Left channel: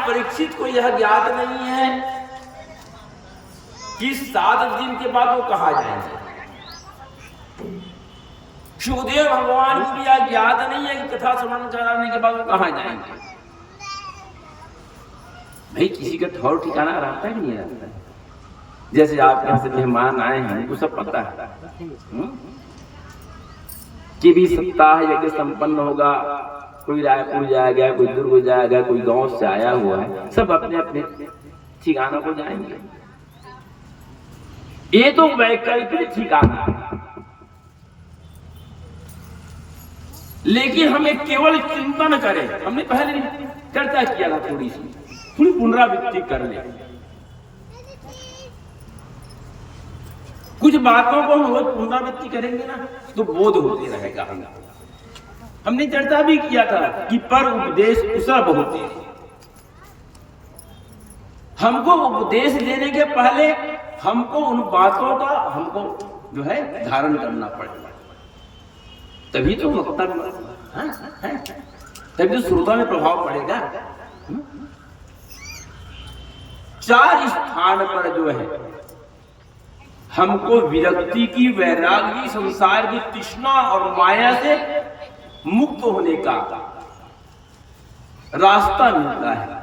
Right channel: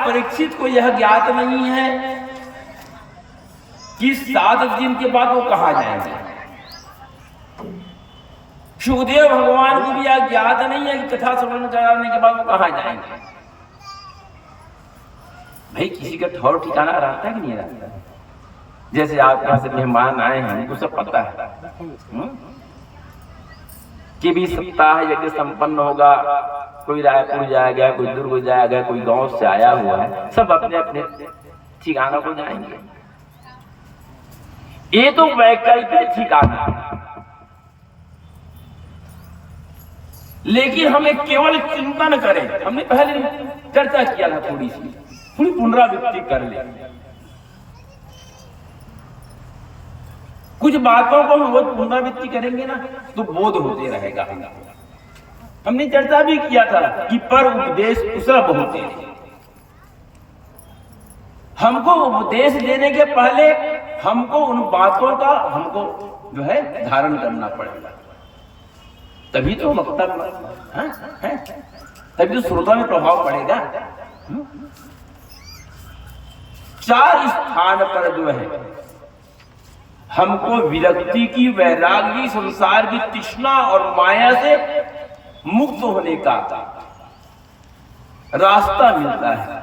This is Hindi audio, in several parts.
परीक्षित को यह ज्ञात नहीं है कि 7 दिन के बाद वो कहाँ जाएंगे। सुखदेव भगवान को भी यह ज्ञात नहीं है कि कथा श्रवण कराने के बाद वो कहाँ जाएंगे। भाई किसी का ठौर ठिकाना रहता है कि नहीं रहता है। जैसे आप यहाँ से मेहमान आए हैं, हमको सब पता है कि भी सप्ताह यज्ञ संपन्न होगा, कोई रायपुर जाएगा, कोई दुर्ग जाएगा, कोई गांव से आया हुआ है, सब अपने अपने ठिकानों को जाएंगे। ये तो वैकल्पिक ठिकाना है, लेकिन हमें केवल चिंतन करें। हमने पहले चर्चा किया था, थोड़ी पुनरावृत्ति कर ले। कुछ बातों को हम रोज पुनरावृत्ति करेंगे ना तो बोध होते रहेगा। हमने चर्चा भी किया था कि पर उपदेश कुशल होते हैं। हमको उपदेश देने के पहले हमको उन बातों का हमको जो है धारण करना पड़ेगा, तभी तो वक्ता है, तभी तो श्रोता में प्रभाव पड़ेगा। 4 स्थान पर जो है हमको विरक्ति की, वैराग्य, संसार की तृष्णा और माया से मुक्त होने का रास्ता मिलता है।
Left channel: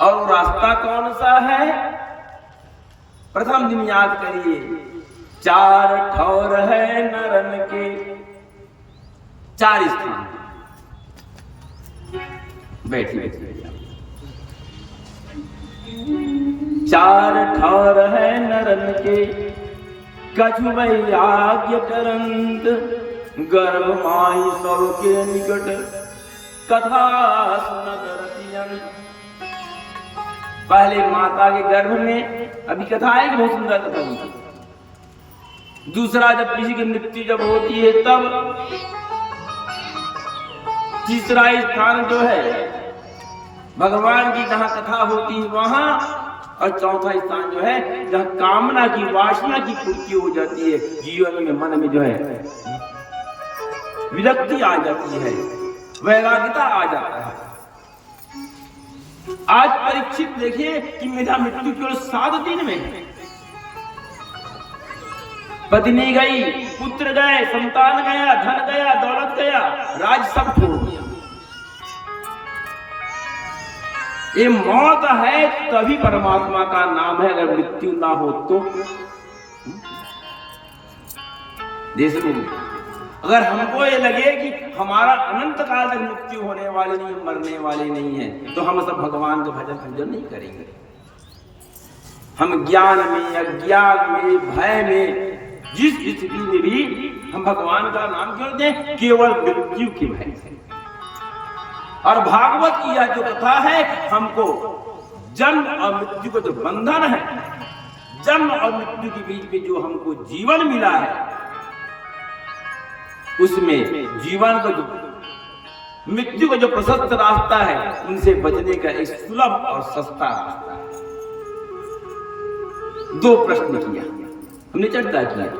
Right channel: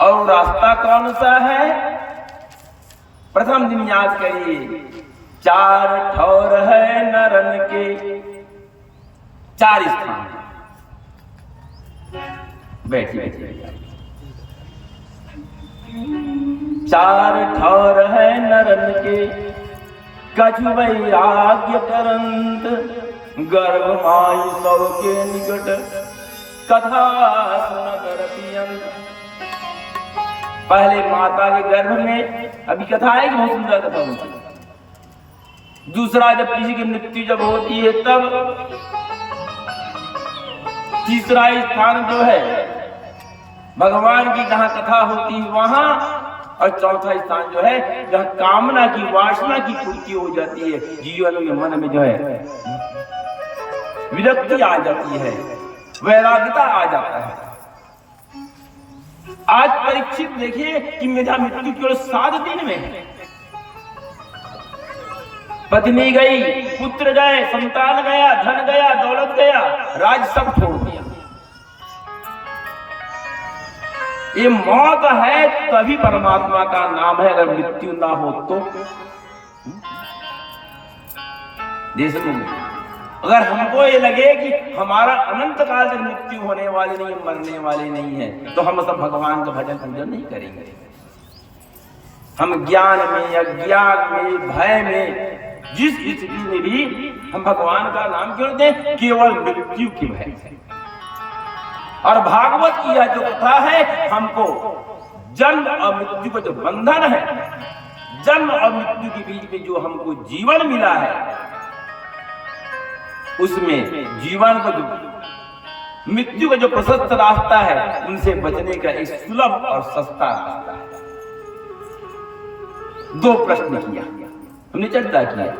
और रास्ता कौन सा है? प्रथम दिन याद करिए, 4 ठौर है नरन के, 4 स्थान। बैठिए। 4 ठौर है नरन के, कछु वैराग्य करंत, गर्भ माई सबके निकट, कथा सुनत रतियंत। पहले माता के गर्भ में अभी कथा है, बहुत सुंदर कथा होती है। दूसरा जब किसी की मृत्यु जब होती है तब। तीसरा स्थान जो है भगवान की जहां कथा होती है वहां। और चौथा स्थान जो है जहां कामना की, वासना की पूर्ति हो जाती है, जीवन में, मन में जो है विरक्ति आ जाती है, वैराग्यता आ जाता है। आज परीक्षित देखिए कि मेरा मृत्यु केवल 7 दिन में है। पत्नी गई, पुत्र गए, संतान गया, धन गया, दौलत गया, राज सब छोड़ दिया। ये मौत है तभी परमात्मा का नाम है। अगर मृत्यु ना हो तो देश में अगर हमको ये लगे कि हमारा अनंत काल तक मृत्यु होने वाली नहीं, मरने वाली नहीं है, तो हम सब भगवान का भजन पूजन नहीं करेंगे। हम ज्ञान में, अज्ञान में, भय में, जिस स्थिति में भी हम भगवान का नाम क्यों दें? केवल मृत्यु की भय से। और भागवत की यह जो कथा है हमको जन्म और मृत्यु का जो बंधन है, जन्म और मृत्यु के बीच में जो हमको जीवन मिला है, उसमें जीवन का जो, मृत्यु का जो प्रशस्त रास्ता है, उनसे बचने का एक सुलभ और सस्ता रास्ता है। 2 प्रश्न किया हमने, चर्चा किया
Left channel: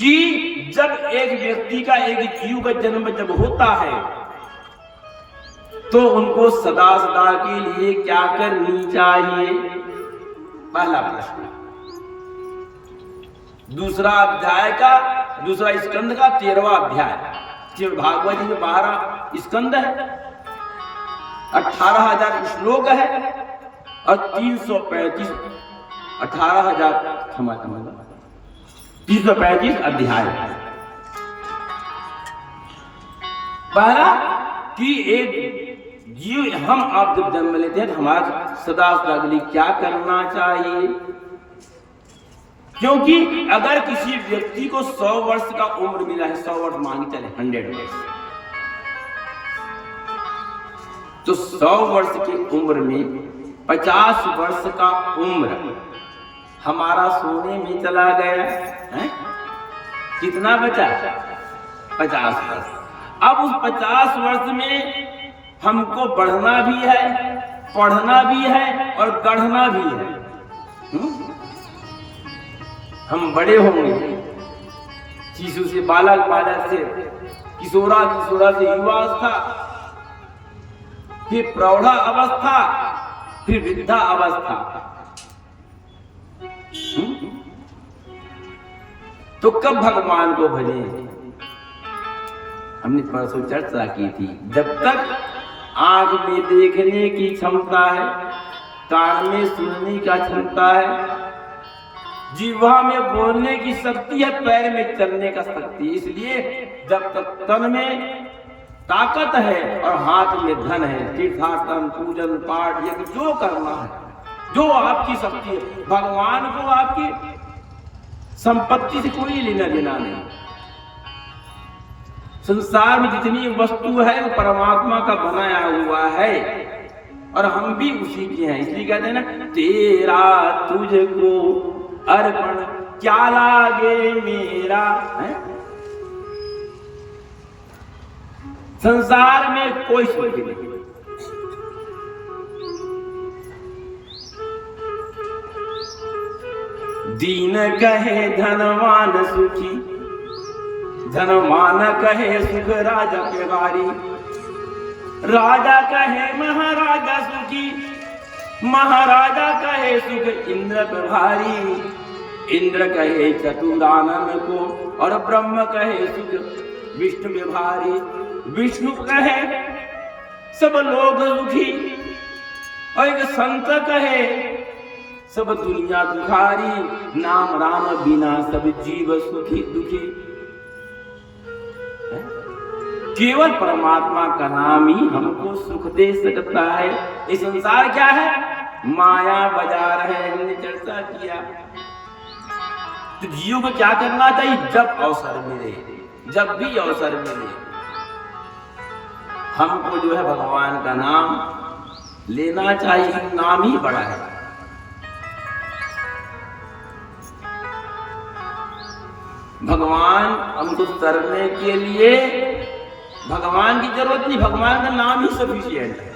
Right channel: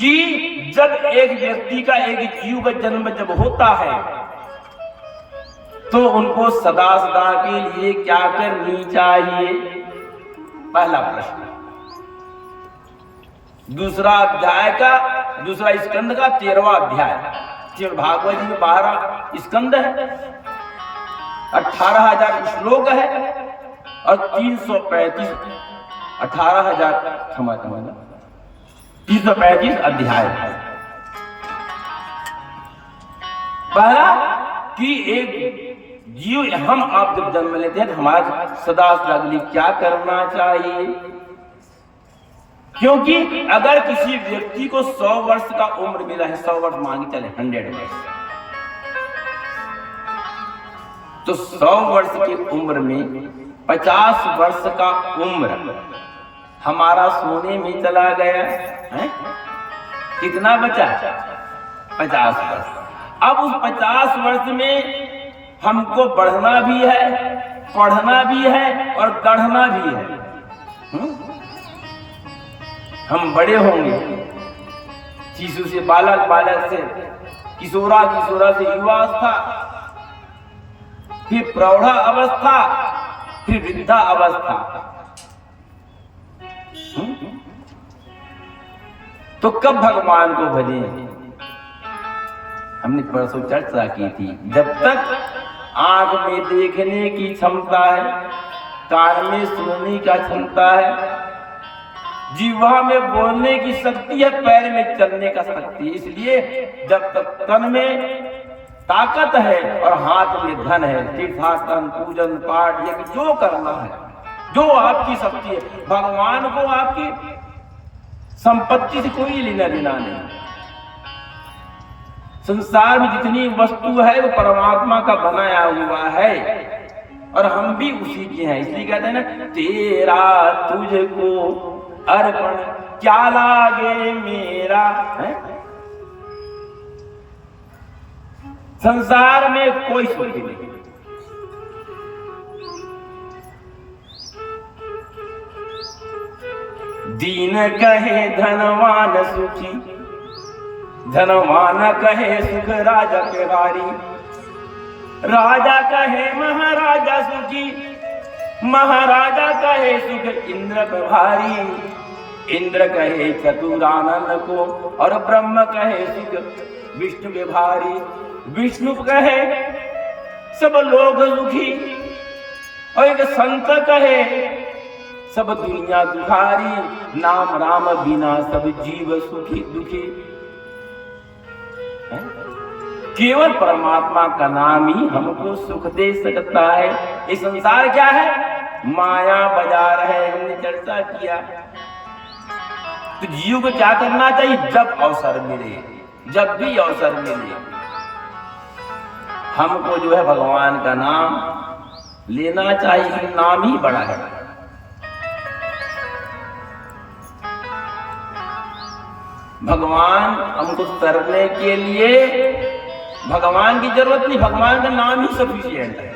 कि जब एक व्यक्ति का, एक जीव का जन्म जब होता है तो उनको सदा सदा के लिए क्या करनी चाहिए? पहला प्रश्न। दूसरा अध्याय का, दूसरा स्कंद का 13वां अध्याय, श्रीमद् भागवत जी में 12 स्कंद है, 18,000 श्लोक है और 335 335 अध्याय है। पहला कि एक जीव, हम आप जब जन्म लेते हैं तो हमारा सदा के लिए क्या करना चाहिए? क्योंकि अगर किसी व्यक्ति को 100 वर्ष का उम्र मिला है, 100 वर्ष मांगी चले 100 वर्ष, तो 100 वर्ष की उम्र में 50 वर्ष का उम्र हमारा सोने में चला गया है। कितना बचा? 50 वर्ष। अब उस 50 वर्ष में हमको बढ़ना भी है, पढ़ना भी है और गढ़ना भी है। हम बड़े होंगे, शिशु से बालक, बालक से किशोरा, किशोरा से युवावस्था, फिर प्रौढ़ा अवस्था, फिर वृद्धा अवस्था। तो कब भगवान को भजे? हमने परसों चर्चा की थी, जब तक आंख में देखने की क्षमता है, कान में सुनने का क्षमता है, जिह्वा में बोलने की शक्ति है, पैर में चलने का शक्ति है। इसलिए जब तक तन में ताकत है और हाथ में धन है, तीर्थाटन, पूजन पाठ, ये जो करना है, जो आपकी शक्ति है, भगवान को आपकी संपत्ति से कोई लेना देना नहीं। संसार में जितनी वस्तु है वो परमात्मा का बनाया हुआ है और हम भी उसी के हैं। इसलिए कहते हैं ना, तेरा तुझको अर्पण क्या लागे मेरा। है? संसार में कोई सुख नहीं। दीन कहे धनवान सुखी, धनवान कहे सुख राजा के बारी, राजा कहे महाराजा सुखी, महाराजा कहे सुख इंद्र पे भारी, इंद्र कहे चतुरानन को और ब्रह्म कहे सुख विष्णु में भारी, विष्णु कहे सब लोग सुखी और एक संत कहे सब दुनिया दुखारी, नाम राम बिना सब जीव सुखी दुखी। केवल परमात्मा का नाम ही हमको सुख दे सकता है। ये संसार क्या है? माया बाजार है, हमने चर्चा किया। तो जीव को क्या करना चाहिए? जब अवसर मिले, जब भी अवसर मिले, हमको जो है भगवान का नाम लेना चाहिए। नाम ही बड़ा है। भगवान हमको तरने के लिए भगवान की जरूरत नहीं, भगवान का नाम ही सफिशिएंट है।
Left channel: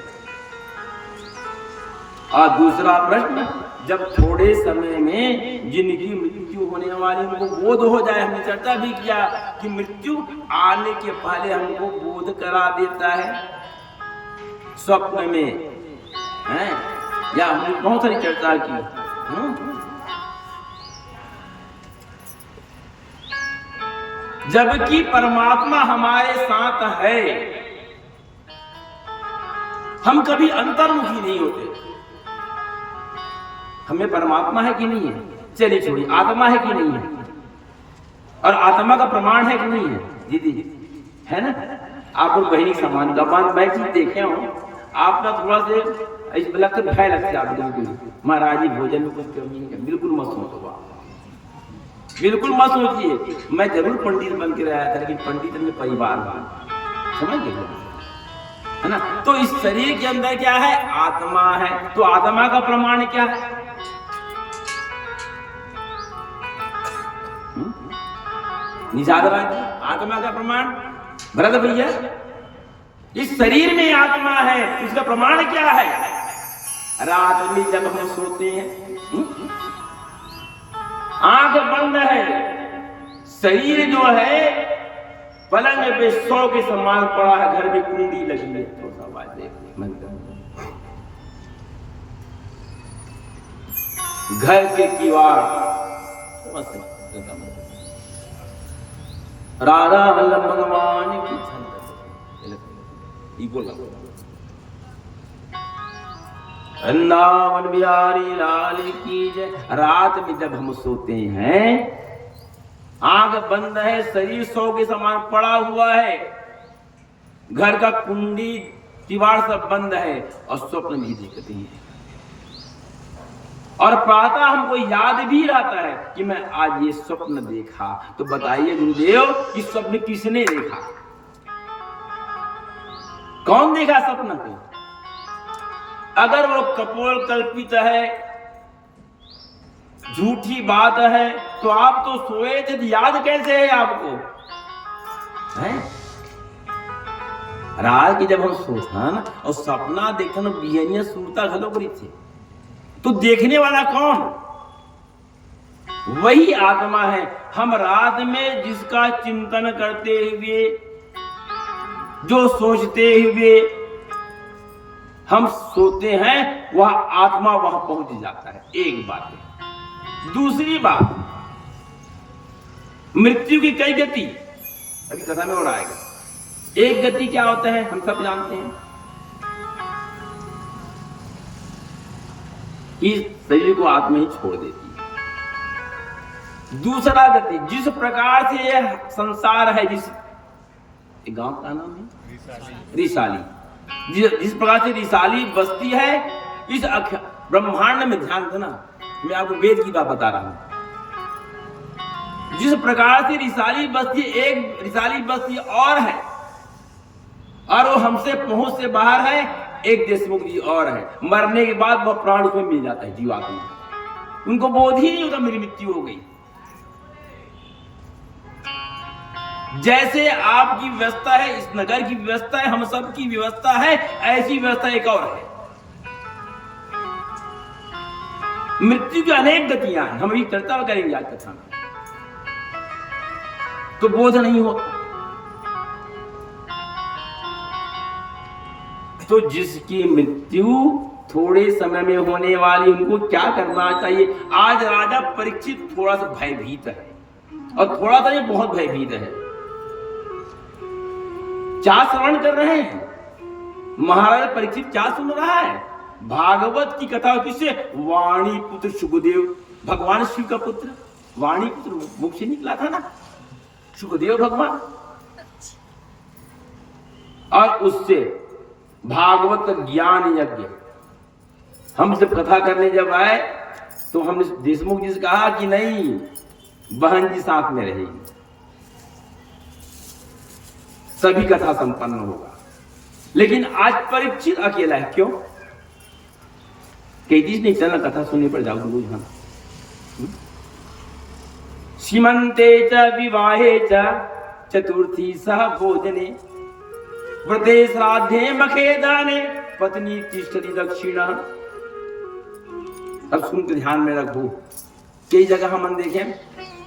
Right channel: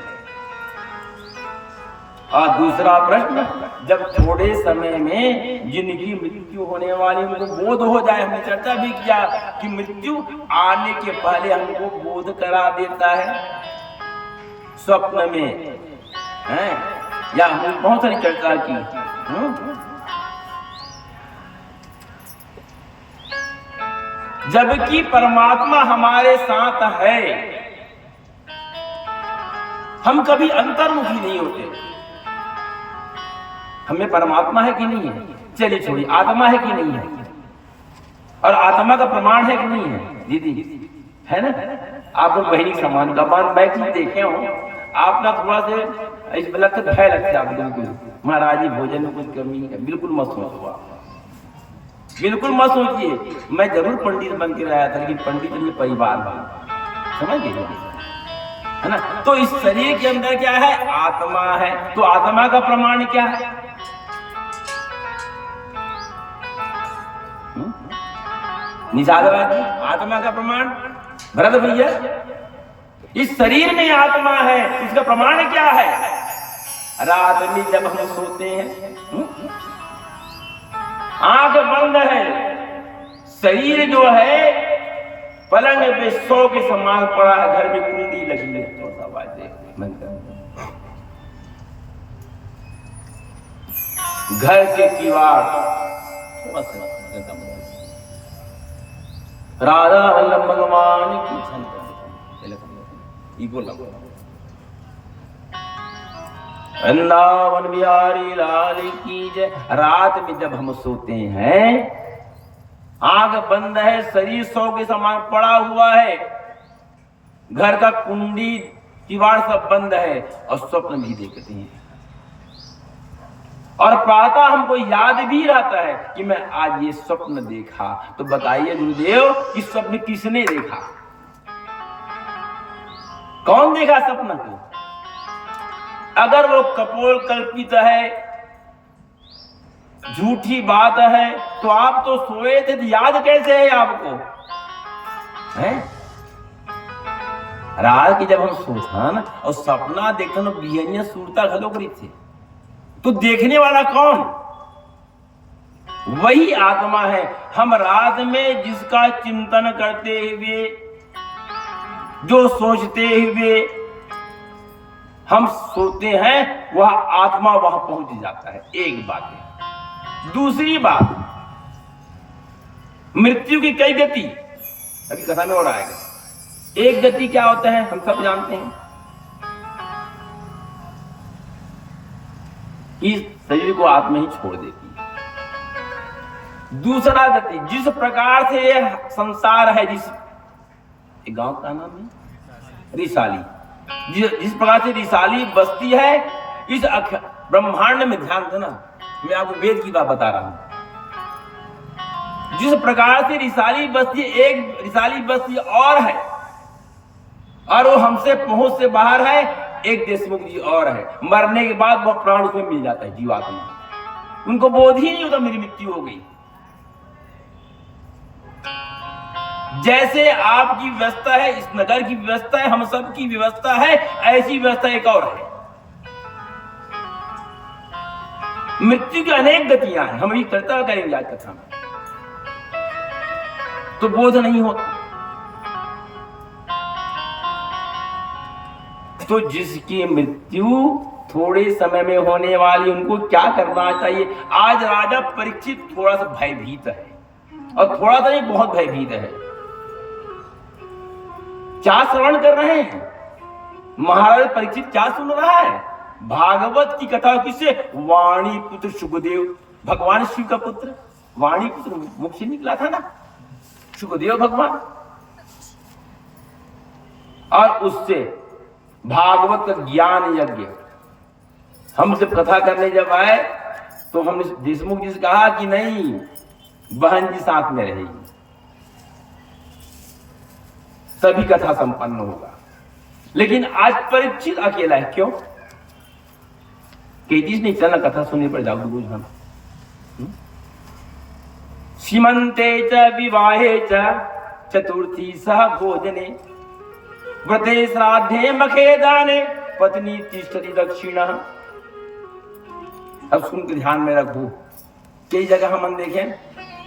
और दूसरा प्रश्न, जब थोड़े समय में जिनकी मृत्यु होने वाली उनको बोध हो जाए, हमने चर्चा भी किया कि मृत्यु आने के पहले हमको बोध करा देता है स्वप्न में, है? या हमने बहुत सारी चर्चा की। जबकि परमात्मा हमारे साथ है, हम कभी अंतर्मुखी नहीं होते। हमें परमात्मा है कि नहीं है? चलिए छोड़िए, आत्मा है कि नहीं है? और आत्मा का प्रमाण है कि नहीं है? दीदी है ना, आप लोग बहनी समान का बात मैं चीज देखे हो, आप ना थोड़ा से इस बलक से भय लगता है आपको। बिल्कुल महाराज जी भोजन में कुछ कमी नहीं है, बिल्कुल मत सोचो आप, बिल्कुल मत सोचिए। मैं जरूर पंडित बन के आया था, लेकिन पंडित में परिवार समझ गए, है ना। तो इस शरीर के अंदर क्या है? आत्मा है। तो आत्मा का प्रमाण क्या है? निषादराज जी, आत्मा का प्रमाण भरत भैया, इस शरीर में आत्मा है, इसका प्रमाण क्या है? रात में जब हम सोते हैं, आंख बंद है, शरीर जो है पलंग पे सौ के समान पड़ा है, घर में कुंडी लगी है, तो घर के किवाड़ राधा वल्लभ भगवान की वृंदावन बिहारी लाल की जय। रात में जब हम सोते हैं, आंख बंद है, शरीर सौ के समान पड़ा हुआ है, घर का कुंडी किवाड़ सब बंद है और स्वप्न भी देखते हैं। और प्रातः हमको याद भी रहता है कि मैं आज ये स्वप्न देखा। तो बताइए गुरुदेव, कि स्वप्न किसने देखा? कौन देखा स्वप्न को? अगर वो कपोल कल्पित है, झूठी बात है, तो आप तो सोए थे, याद कैसे है आपको? है? रात की जब हम सोता ना और सपना देखते ना, बिहनिया सूरता घलो करी थे, तो देखने वाला कौन? वही आत्मा है। हम रात में जिसका चिंतन करते हुए, जो सोचते हुए हम सोते हैं वह आत्मा वहां पहुंच जाता है। एक बात है। दूसरी बात, मृत्यु की कई गति अभी कथा में और आएगा। एक गति क्या होता है हम सब जानते हैं कि शरीर को आत्मा ही छोड़ देती है। दूसरा गति, जिस प्रकार से यह संसार है, जिस गांव का नाम है रिसाली, जिस प्रकार से रिसाली बस्ती है इस ब्रह्मांड में, ध्यान देना मैं आपको वेद की बात बता रहा हूं। जिस प्रकार से रिसाली बस्ती, एक रिसाली बस्ती और है और वो हमसे पहुंच से बाहर है, एक देशमुख जी और है। मरने के बाद वो प्राण उसमें मिल जाता है जीवात्मा, उनको बोध ही नहीं होता मेरी मृत्यु हो गई। जैसे आपकी व्यवस्था है, इस नगर की व्यवस्था है, हम सब की व्यवस्था है, ऐसी व्यवस्था एक और है। मृत्यु की अनेक गतियां हैं, हम ये चर्चा करेंगे आज कथा में, तो बोध नहीं होता। तो जिसकी मृत्यु थोड़े समय में होने वाली, उनको क्या करना चाहिए? आज राजा परीक्षित थोड़ा सा भयभीत है, और थोड़ा सा नहीं, बहुत भयभीत है। क्या श्रवण कर रहे हैं? महाराज परीक्षित क्या सुन रहा है? भागवत की कथा। किससे? वाणी पुत्र सुखदेव, भगवान शिव का पुत्र वाणी पुत्र मुख से निकला था ना सुखदेव भगवान, और उससे भागवत ज्ञान यज्ञ। हम जब कथा करने जब आए तो हमने देशमुख जी से कहा कि नहीं, बहन जी साथ में रहेगी, तभी कथा संपन्न होगा। लेकिन आज परीक्षित अकेला है। क्यों? कहती नहीं, चलना कथा सुनने पर जाओ रोज हम। सीमंते च विवाहे च चतुर्थी सह भोजने व्रते श्राद्धे मखे दाने पत्नी तिष्ठति दक्षिणा। अब सुन के ध्यान में रखो, कई जगह हम देखें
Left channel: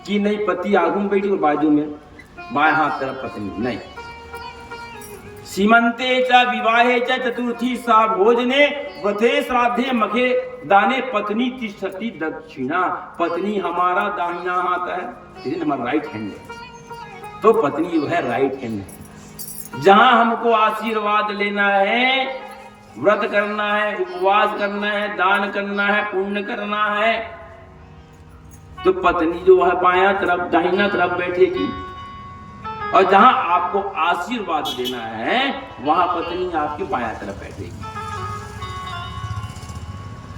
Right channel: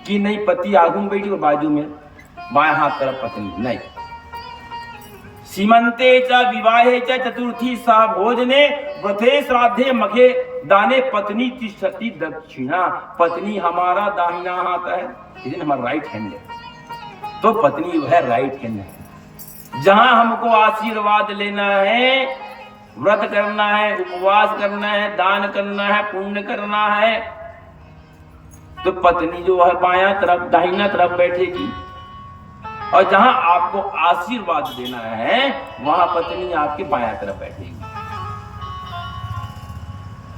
कि नहीं, पति आगू में बैठी बाजू में, बाएं हाथ तरफ पत्नी नहीं। सीमंते च विवाहे च चतुर्थी सह भोजने व्रते श्राद्धे मखे दाने पत्नी तिष्ठति दक्षिणा। पत्नी हमारा दाहिना हाथ है, लेकिन हमारा राइट हैंड है, तो पत्नी जो है राइट हैंड है। जहां हमको आशीर्वाद लेना है, व्रत करना है, उपवास करना है, दान करना है, पुण्य करना है, तो पत्नी जो है बायां तरफ, दाहिना तरफ बैठेगी। और जहां आपको आशीर्वाद देना है वहां पत्नी आपके बायां तरफ बैठेगी।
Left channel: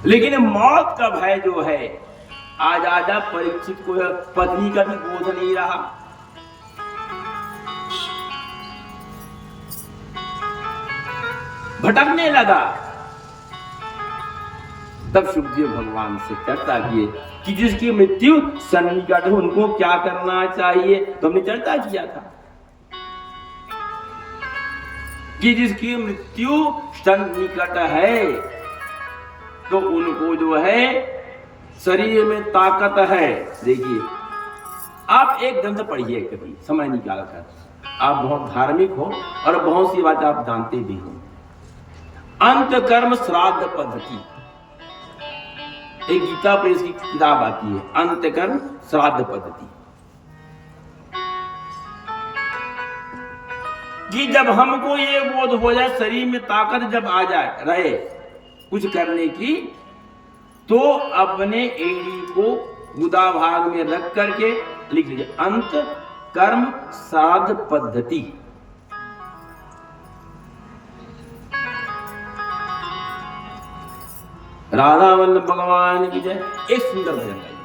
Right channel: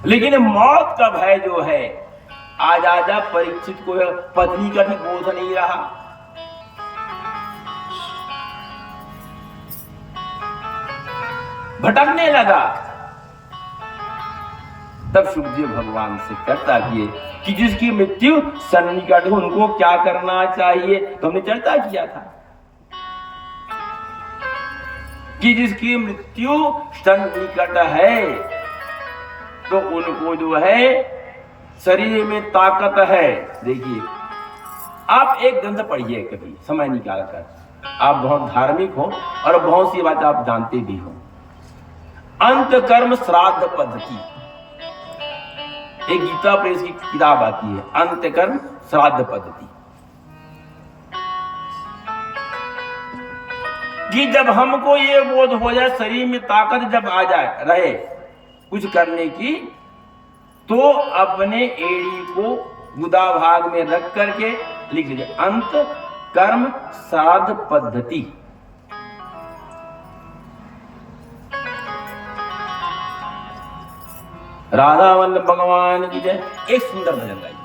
लेकिन मौत का भय जो है, आज आजा परीक्षित को पत्नी का भी बोझ नहीं रहा। भटकने लगा। तब सुखदेव भगवान से चर्चा किए कि जिसकी मृत्यु सन्निकट हो उनको क्या करना चाहिए। तो हमने चर्चा किया था कि जिसकी मृत्यु सन्निकट है तो उनको जो है शरीर में ताकत है। देखिए, आप एक ग्रंथ पढ़िए कभी समय निकाल कर, आप बहुत धार्मिक हो और बहुत सी बात आप जानते भी हो। अंत कर्म श्राद्ध पद्धति, एक गीता प्रेस की किताब आती है, अंत कर्म श्राद्ध पद्धति, कि जब हमको ये बोध हो जाए, शरीर में ताकत जब आ जाए रहे कुछ करने की, तो अपने एड़ी को गुदा भाग में रख करके लिख लीजिए, अंत कर्म श्राद्ध पद्धति। राधा वल्लभ भगवान की जय। एक सुंदर भजन गाइए।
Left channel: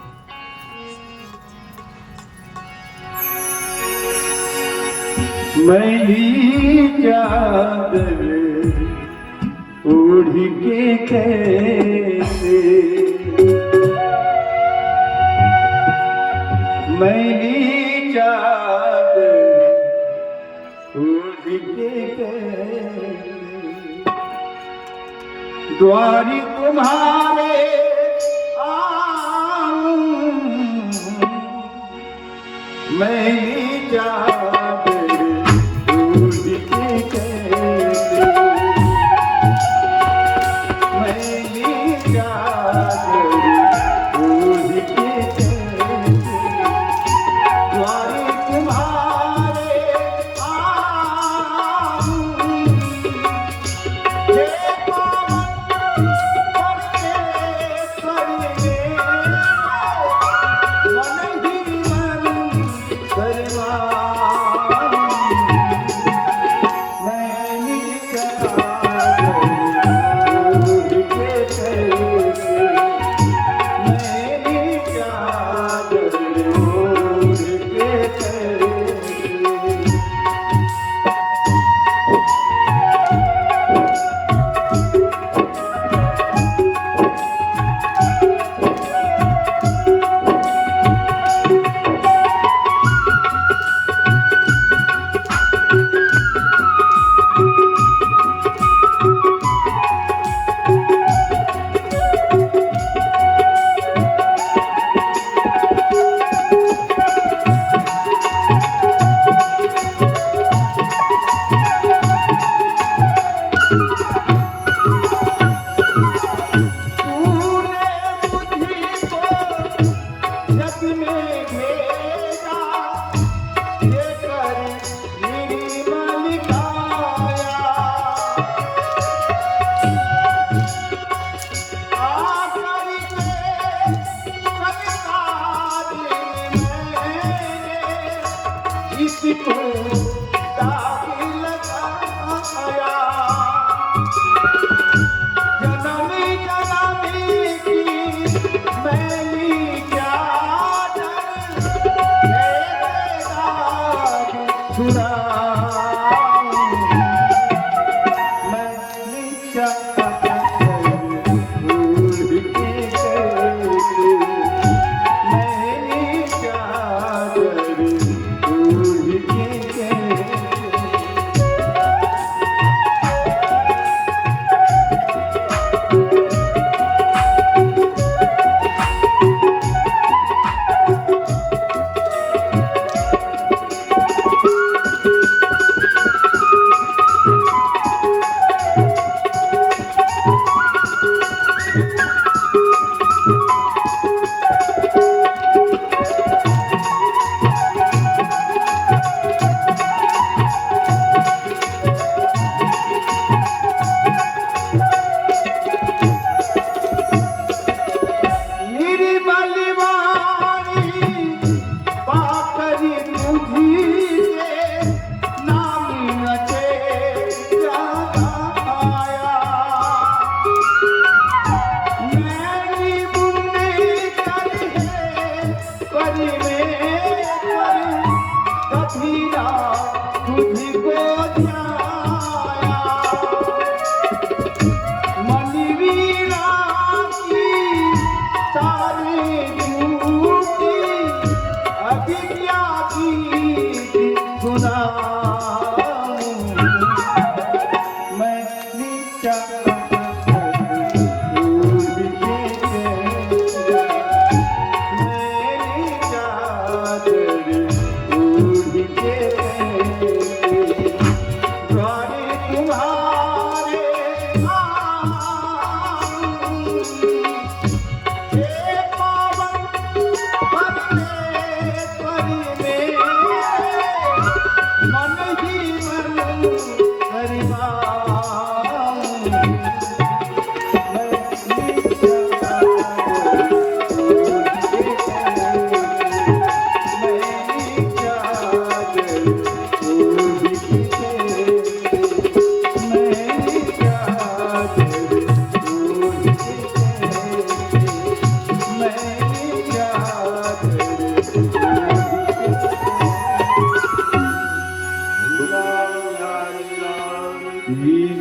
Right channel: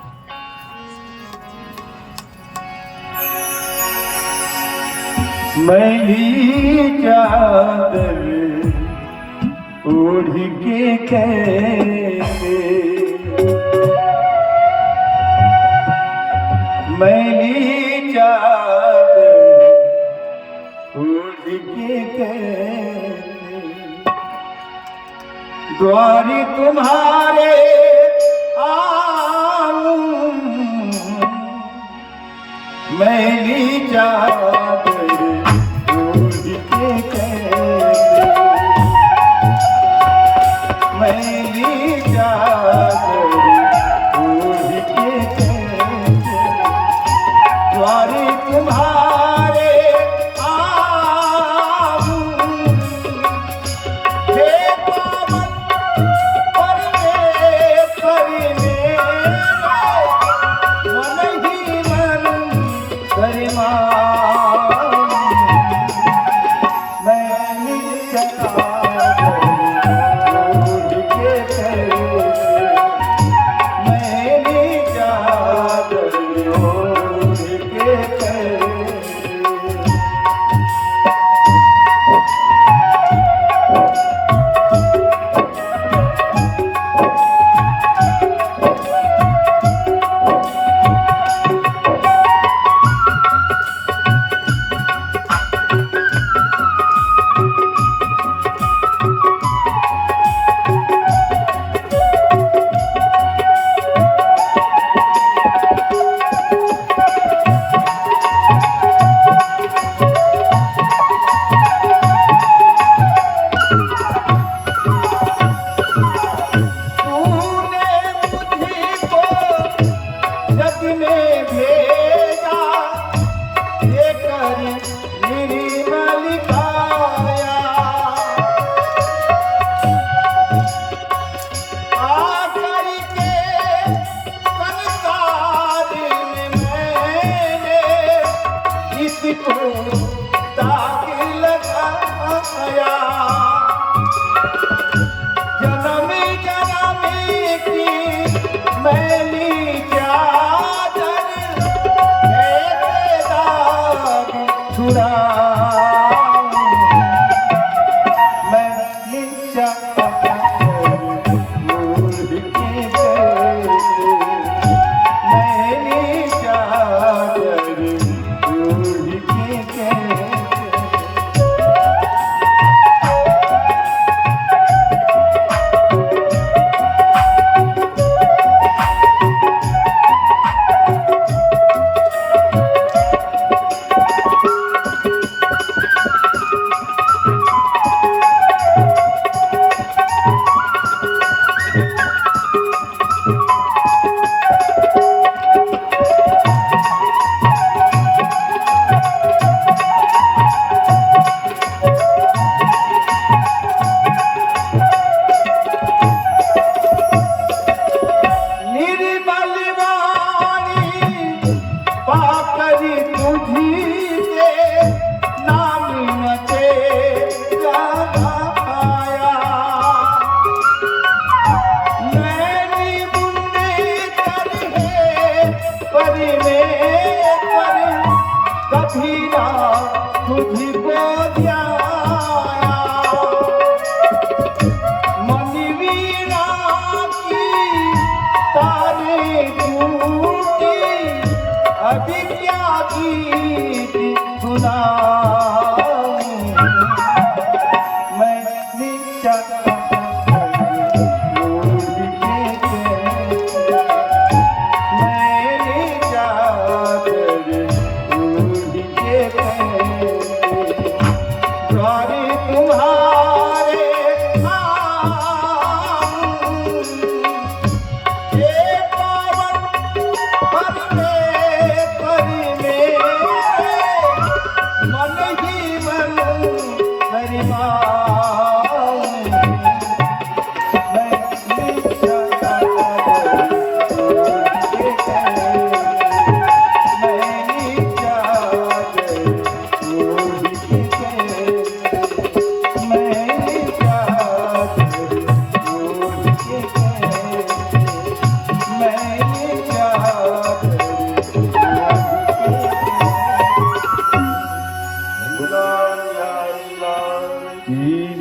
मैली चादर ओढ़ के कैसे, मैली चादर ओढ़ के कैसे, द्वारी तुम्हारे आऊं, मैली चादर ओढ़ के कैसे,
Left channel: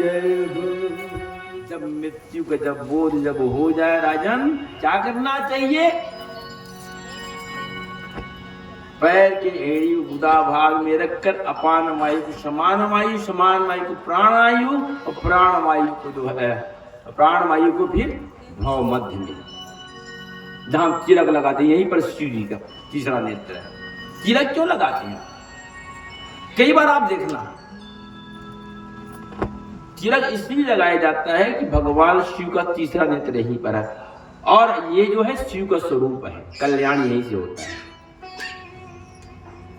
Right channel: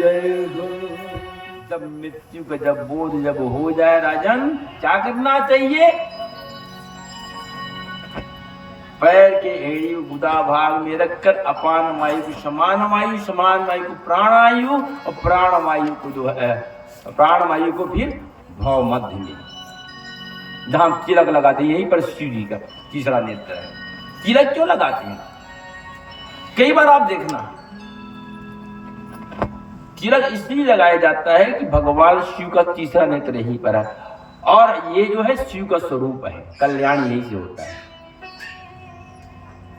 जय हो। जब मृत्यु का जब बोझ जब हो जाए राजन, क्या करना चाहिए? पैर के एड़ी गुदा भाग में रखकर अपान वायु को समान वायु को प्राणायु, और प्राण वायु को जो है प्राण वायु को फिर भाव मध्य में, जहां तिलक लगाते हैं, यहीं पर शिव जी का तीसरा नेत्र है। तिलक क्यों लगाते हैं? कई बार आप देखना, तिलक इसलिए लगाया जाता है कि भगवान शिव का तीसरा नेत्र यहीं पर है, और ये जो है शिव का स्वरूप है, कल्याण यहीं से होता है।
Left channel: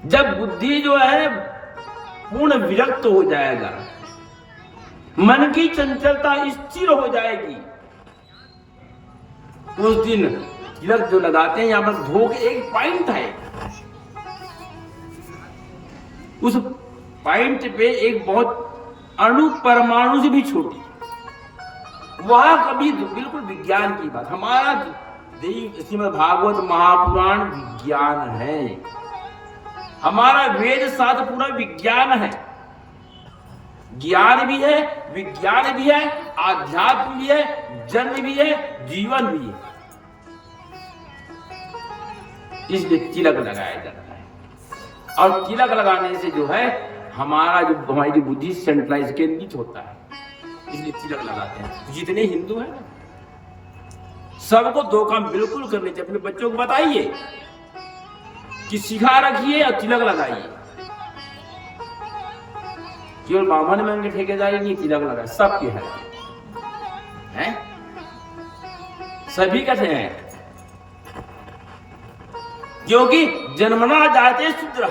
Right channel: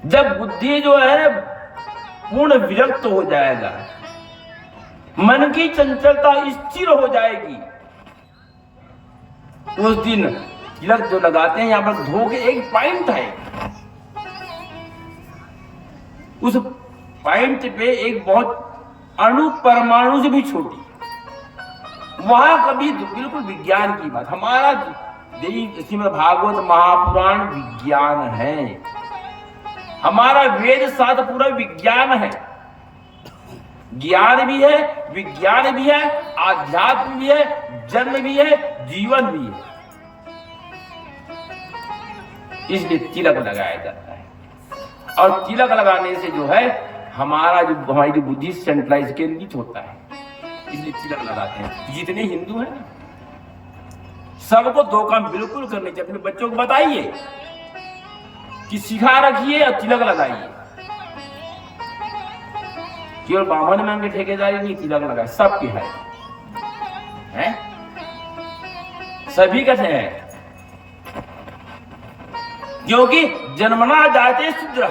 जब बुद्धि जो है पूर्ण विरक्त हो जाएगा, मन की चंचलता स्थिर हो जाएगी, तो उस दिन तिलक जो लगाते हैं, यहां पर धो के एक पॉइंट है, उस पॉइंट पे एक बहुत अणु परमाणु से भी छोटी, वहां कभी बिल्कुल विज्ञान की बात। हमारा श्रीमद् भागवत महापुराण विज्ञान है, हमारा वेद शास्त्र पूरा विज्ञान है, ज्ञान भी है, विज्ञान भी है, आध्यात्म भी है, जन्म भी है, जीवन भी है। इसलिए तिलक लगाया जाता है, और तिलक लगाने से जो है हमारी बुद्धि सेंट्रलाइज केंद्रित होता है, इसलिए तिलक लगाते हैं। जितने हिंदू हैं सबको दो काम बिल्कुल करने चाहिए। अपने बच्चों को बताइए कि सिखा रखिए और तिलक लगाइए। केवल बामन में के ठेकेदारी नहीं, तिलक लगाए सबके है? सभी का है, क्योंकि जन्मना जाते शूद्र,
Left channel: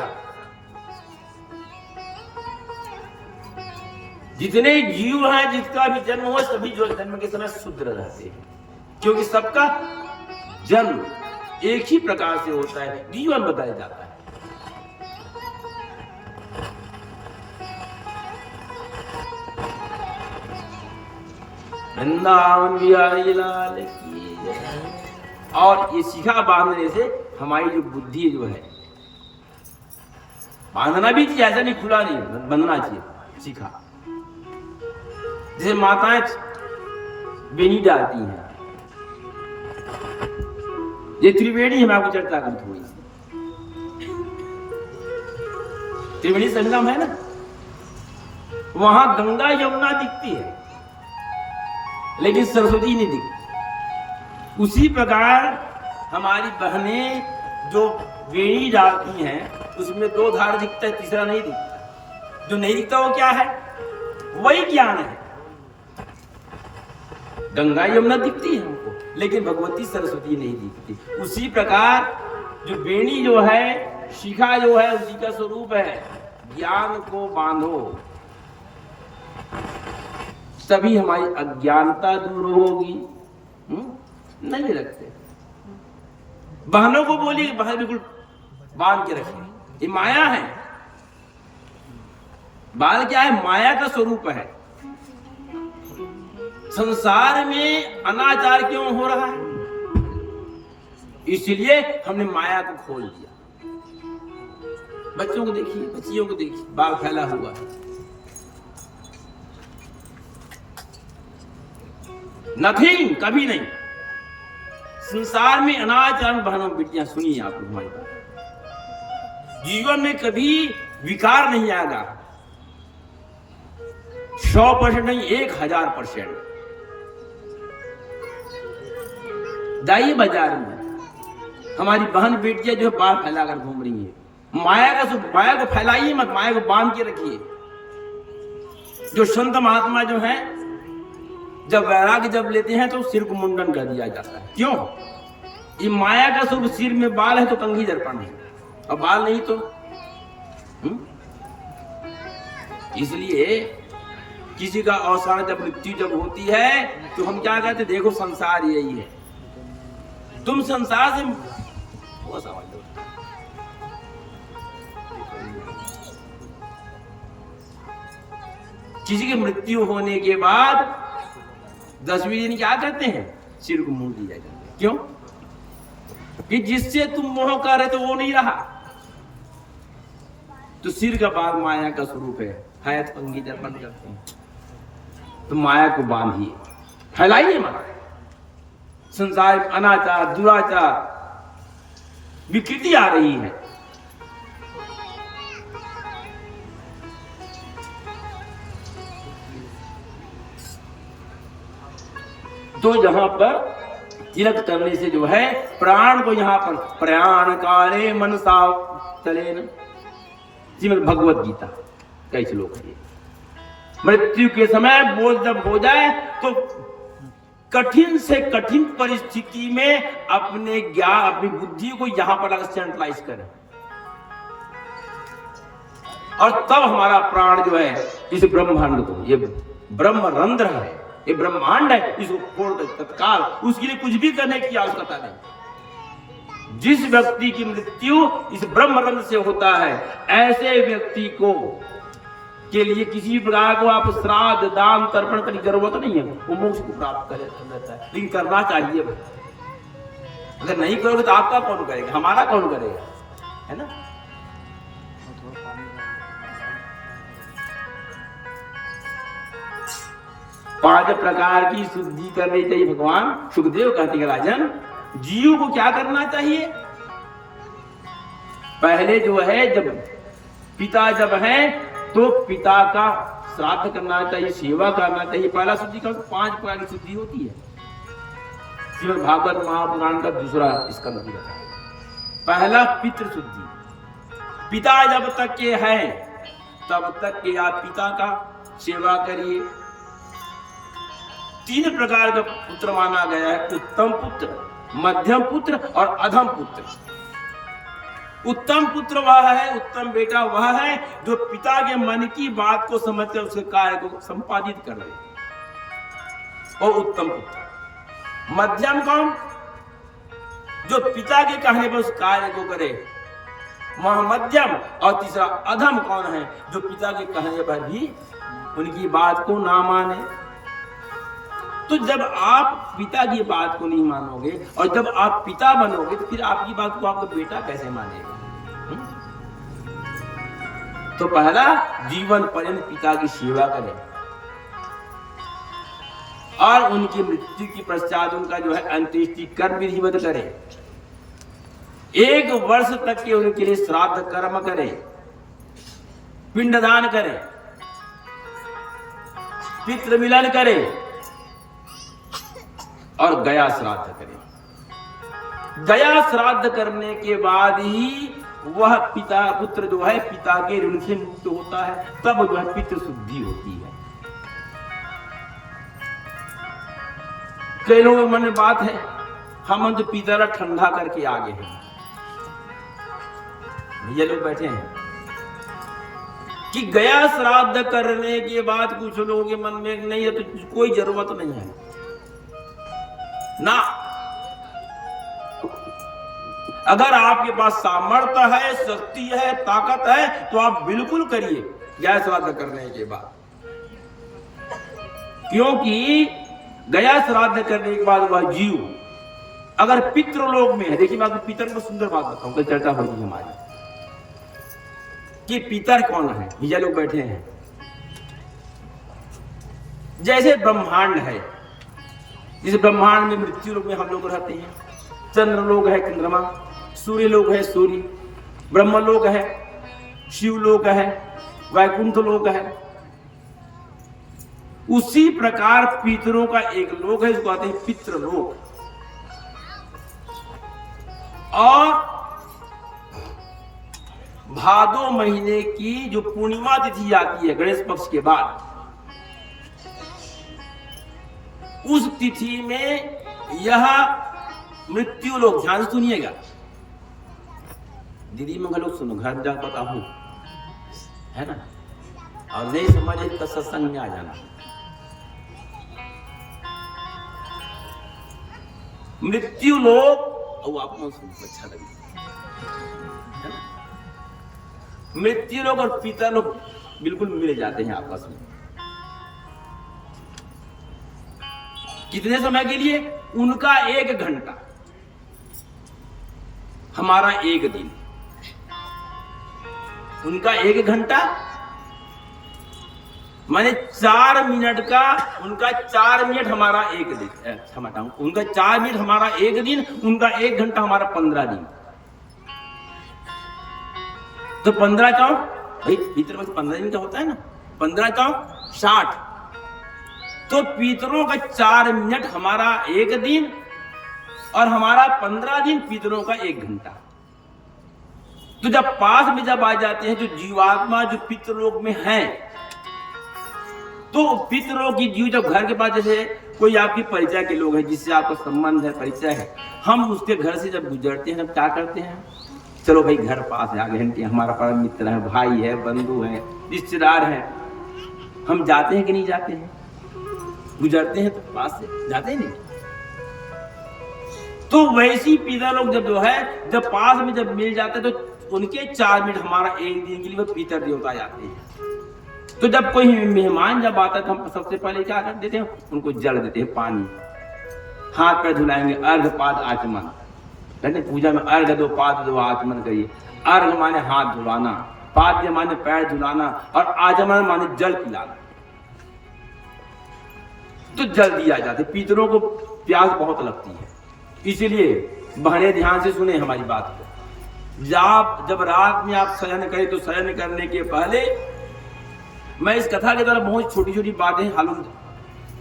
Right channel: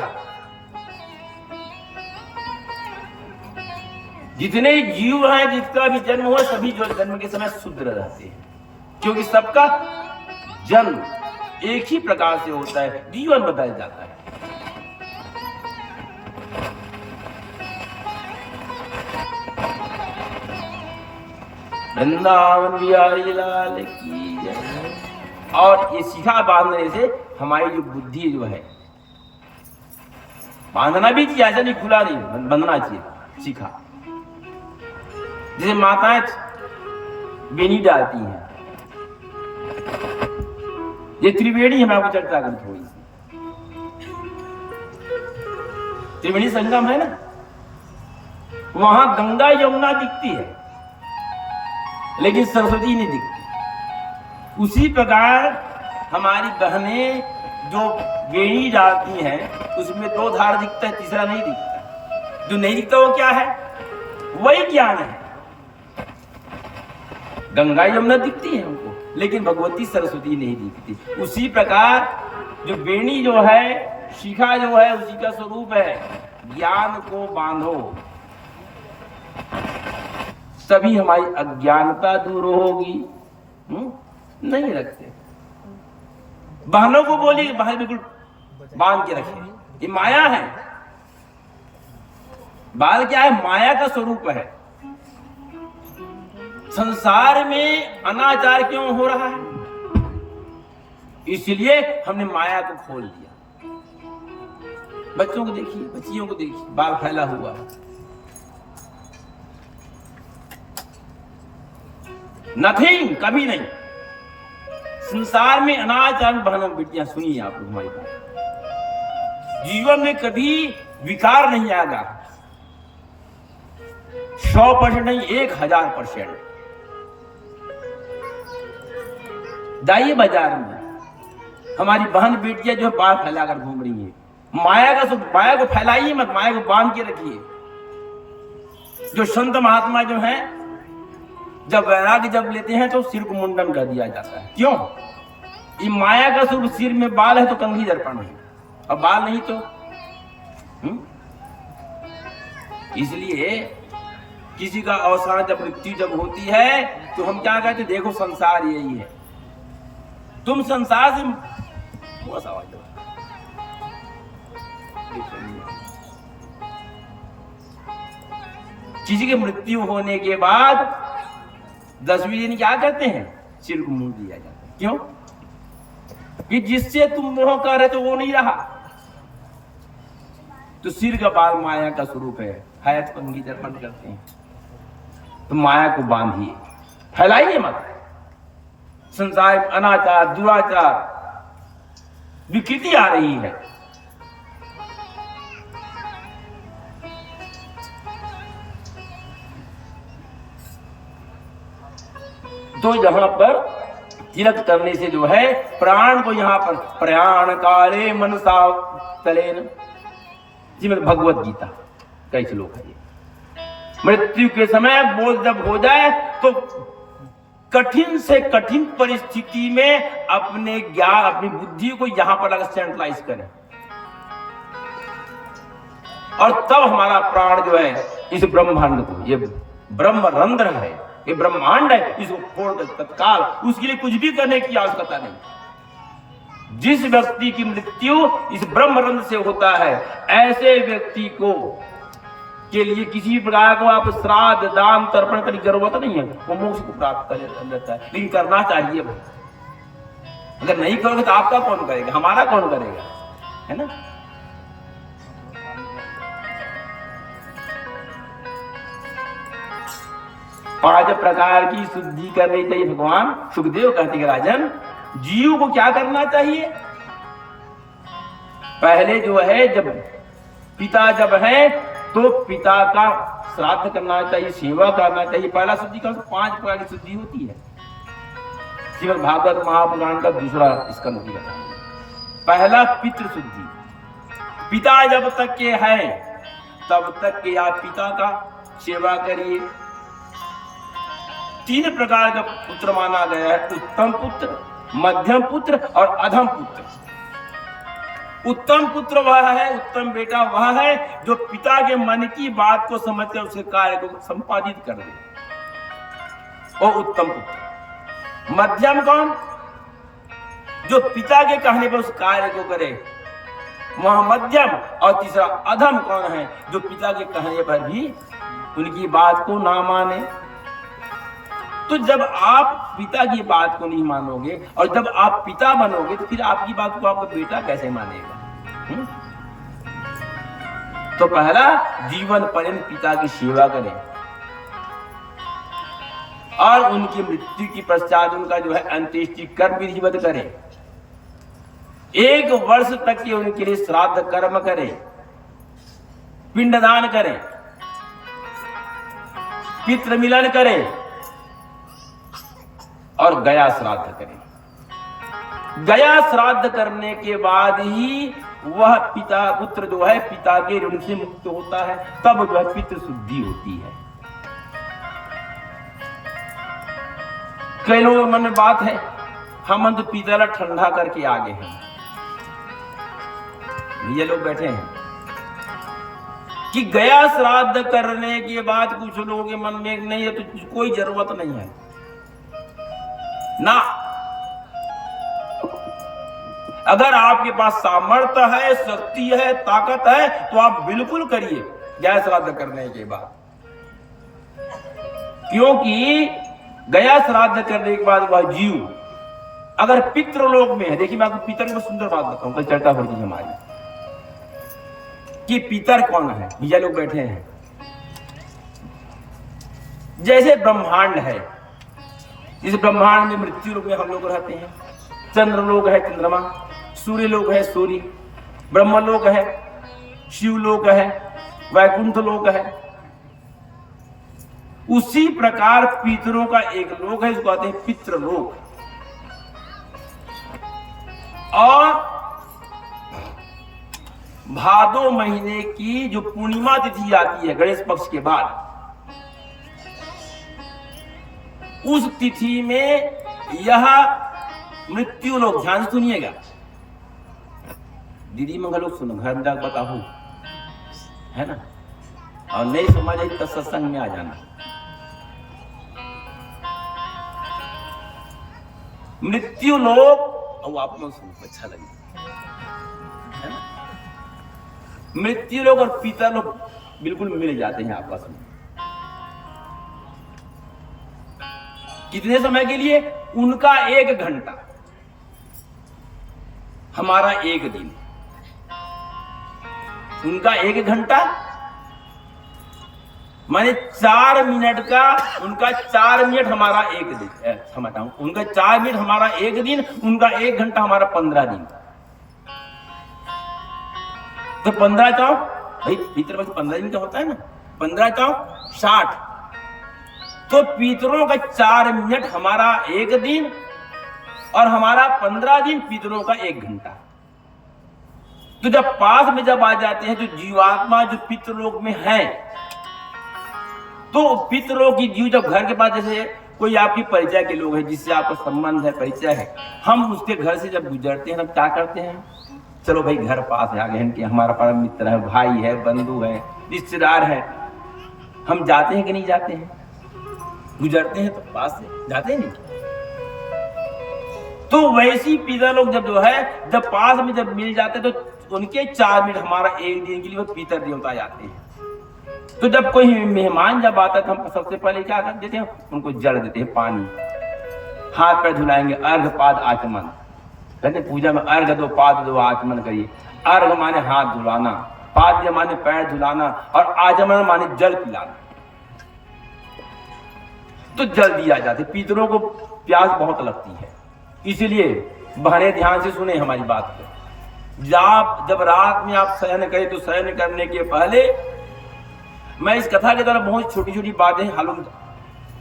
जितने जीव हैं जिसका भी जन्म हुआ सभी जो जन्म के समय शूद्र रहते हैं, क्योंकि सबका जन्म एक ही प्रकार से होता है, जीवन बताया जाता है। वृंदावन बिहारी लाल की जय। और ये शिखा बांधने से हमारी जो बुद्धि जो है, बांधना भी चाहिए, ऐसा नहीं खुला नहीं, बंधना चाहिए शिखा। जैसे माताएं बेनी डालती हैं, ये त्रिवेणी हम आपको चर्चा करी थोड़ी सी। त्रिवेणी संगम है ना, वहां गंगा यमुना दिखती है लेकिन सरस्वती नहीं दिखती। उसी प्रकार हमारी बहनें जो वेणी डालती हैं, उसमें दो धार दिखता है, तीसरा नहीं दिखता। जो नहीं दिखता वो क्या है? वही ज्ञान है। गंगा यमुना दिखती है हमको, लेकिन भगवती सरस्वती नहीं दिखती। उसी प्रकार जो वेणी जो है, शिखा जो है, उसी का स्वरूप है। ज्ञान को बांधो, तभी हमारी अज्ञानता दूर होगी। नहीं रखते, बहनों को बोली बाहर बिल्कुल बांध के रखे, ये माया है। बाल क्या है? माया का स्वरूप है। संसार में अनाचार क्यों हो रहा है? इसलिए हमने माया को खोल दिया। बच्चों को देखिए, बच्चियों को देखिए, बाल फैला हुआ है। नथिंग, कभी नहीं। संसार में अनाचार बहनों बेटियां, सुनिए आप हमारी बात, जीवन में कभी विकार नहीं आएगा। 100% नहीं, 1000%। जाइए बाजार में, हमारी बहन बेटियां जो बाल फैलाकर घूम रही है, माया को फैलाइए मत, माया को बांध के रखिए। जो संत महात्मा जो हैं, जब वैराग्य जब लेते हैं तो सिर को मुंडन कर दिया जाता है। क्यों? ये माया का स्वरूप, सिर में बाल है तो कंघी दर्पण है, और बाल नहीं तो इसलिए किसी का अवसान जब मृत्यु जब होती है तो हम क्या कहते? देखो संसार यही है, तुम संसार से बस आवाज दो। किसी की मृत्यु होने के बाद 10वें दिन क्या करते हैं? सिर को मुंड दिया जाता है। क्यों? कि जिससे तुम मोह कर रहे तो वो नहीं रहा। तो सिर का बाल माया का स्वरूप है, हयात कंघी दर्पण करते हैं। तो माया को बांधिए, फैलाइए मत। संसार में अनाचार, दुराचार, विकृति आ रही है। तो यहां पर तिलक करने से जो है प्राण को, यहां पर प्रयाण काले मनसा तलेन, श्रीमद् भगवत गीता कई श्लोक है। मृत्यु के समय बोझ जब हो जाए तो कठिन से कठिन परिस्थिति में अपने ज्ञान, अपनी बुद्धि को यहां पर अगर सेंट्रलाइज करें, और तब हमारा प्राण जो है इस ब्रह्मांड को, ये ब्रह्मरंध्र है, ये ब्रह्मांड है, इसको फोड़ तत्काल, उसके लिए कुछ भी करने की आवश्यकता नहीं। जिस व्यक्ति की मृत्यु इस ब्रह्मरंध्र से होता है, ऐसे व्यक्ति को के लिए किसी प्रकार को आप श्राद्ध, दान, तर्पण करने की जरूरत नहीं है, वो मोक्ष को प्राप्त कर लेता है। लेकिन करना चाहिए भाई। अगर नहीं करोगे तो आपका कौन करेगा, हमारा कौन करेगा, है ना। पांच प्रकार की शुद्धि करनी चाहिए। भगवान सुखदेव कहते हैं राजन, जीव को क्या करना चाहिए। पहले जो है, जब पिता जब है तो पिता का श्राद्ध करना चाहिए, सेवा करना चाहिए। पहला शुद्धि का 5 प्रकार की शुद्धि होती है। श्रीमद् भागवत महापुराण का दूसरा स्कंद भी है। पहला पितृ शुद्धि, पिता जब तक के है तब तक के आप पिता का सेवा करिए। 3 प्रकार का पुत्र माना गया है, उत्तम पुत्र, मध्यम पुत्र और अधम पुत्र। उत्तम पुत्र वह है, उत्तम बेटा वह है जो पिता के मन की बात को समझकर उसके कार्य को संपादित कर दे, वो उत्तम पुत्र। मध्यम कौन, जो पिता के कहने पर उस कार्य को करे, वह मध्यम। और तीसरा अधम कौन है, जो पिता के कहने पर भी उनकी बात को ना माने। तो जब आप पिता की बात को नहीं मानोगे और जब आप पिता बनोगे तो फिर आपकी बात को आपका बेटा कैसे मानेगा। तो पहला, जीवन पर्यंत पिता की सेवा करें और उनकी मृत्यु की पश्चात उनका जो है अंत्येष्टि कर्म विधिवत करें। 1 वर्ष तक के उनके लिए श्राद्ध कर्म करें, पिंडदान करें, पितृ मिलन करें और गया श्राद्ध करें। गया श्राद्ध करने के बाद ही वह पिता पुत्र जो है पिता के ऋण से मुक्त होता है, तब जो है पितृ शुद्धि होती है। कई लोगों के मन में बात है, हम तो पिता ठंडा करके आगे हैं। ये लोग बैठे हैं कि गया श्राद्ध करने के बाद कुछ लोगों के मन में नहीं है तो कोई जरूरत नहीं है ना। अगर आपके पास सामर्थ्य है, शक्ति है, ताकत है तो आप बिल्कुल करिए गया श्राद्ध करने के बाद, क्योंकि गया श्राद्ध करने के बाद वह जीव अगर पितृलोक में है। देखिए मैं आपको पितर में सुंदर बात बताऊं, कल चर्चा होगी हमारी कि पितर कौन है। भैया लोग बैठे हैं, जैसे ब्रह्मांड है, इस ब्रह्मांड में मृत्यु लोक में हम लोग रहते हैं। चंद्र लोक है चंद्रमा, सूर्य लोक है सूर्य, ब्रह्म लोक है, शिव लोक है, वैकुंठ लोक है। उसी प्रकार पितरों का एक लोक है, इसको कहते हैं पितृलोक। और भादो महीने की जो पूर्णिमा तिथि आती है गणेश पक्ष के बाद, उस तिथि में यह मृत्यु लोग, ध्यान से सुनिएगा दीदी मंगल लोग, सुनो घर जा पता हो, है ना, और नहीं समझ आई तो सत्संग में आ जाना। मृत्यु लोग, और आपको सुनो अच्छा लगे, है ना। मृत्यु लोग और पिता लोग बिल्कुल मिल जाते हैं आपस में। कितने समय के लिए? उनका 1 घंटा, हमारा 1 दिन। उनका 1 घंटा, माने 4 मिनट का उनका 4 मिनट हमारा एक दिन, क्षमता उनका 4 मिनट हमारा एक दिन, उनका 1 घंटा हमारा 15 दिन। तो 15 चौ भाई पितृपक्ष 15 दिन का होता है ना, 15 चौ 60। तो पितरों का 4 मिनट हमारा एक दिन और हमारा 15 दिन पितरों का 1 घंटा। तो जब पास में जब आ जाते हैं तो जीवात्मा जो पितृलोक में है, तो पितरों की जीव जब घर के पास, जैसे कोई आपकी परिचय के लोग हैं जिससे आपका संबंध है, परिचय है, हम उसके घर से जब गुजरते हैं, हम क्या करते हैं, चलो भाई घर पास है, आगे घंटे हमारा परम मित्र है, भाई है, बंधु है, रिश्तेदार है, हम जाते हैं कि नहीं जाते हैं? गुजरते हैं तो पास से जाते हैं नहीं? तो वैसी पिता लोग जब जो है, जब पास में जब मिल जाते हैं तो उनके 4 मिनट हमारा 1 दिन के लिए वो पितर देवता जाते हैं। तो जब कोई मेहमान जब आता है तो हम सबसे पहले क्या कर देते हैं, उनको जल देते हैं, पानी, हाथ पैर धुलाएंगे, अर्घ पाद आचमन कहते, पूजा में अर्घ दो, पाद दो, आचमन करिए। अर्घ माने हाथ धुलाना, पाद माने पैर धुलाना, और आचमन माने जल पिलाना। तो जल दिया जाता है। पितरों को प्यास बहुत लगती है, इसीलिए बहने ध्यान से सुने हमारी बात को। जब रात में आप शयन करें तो शयन करने के पहले, मैं इस कथा के द्वारा बहुत छोटी छोटी बातें हालूम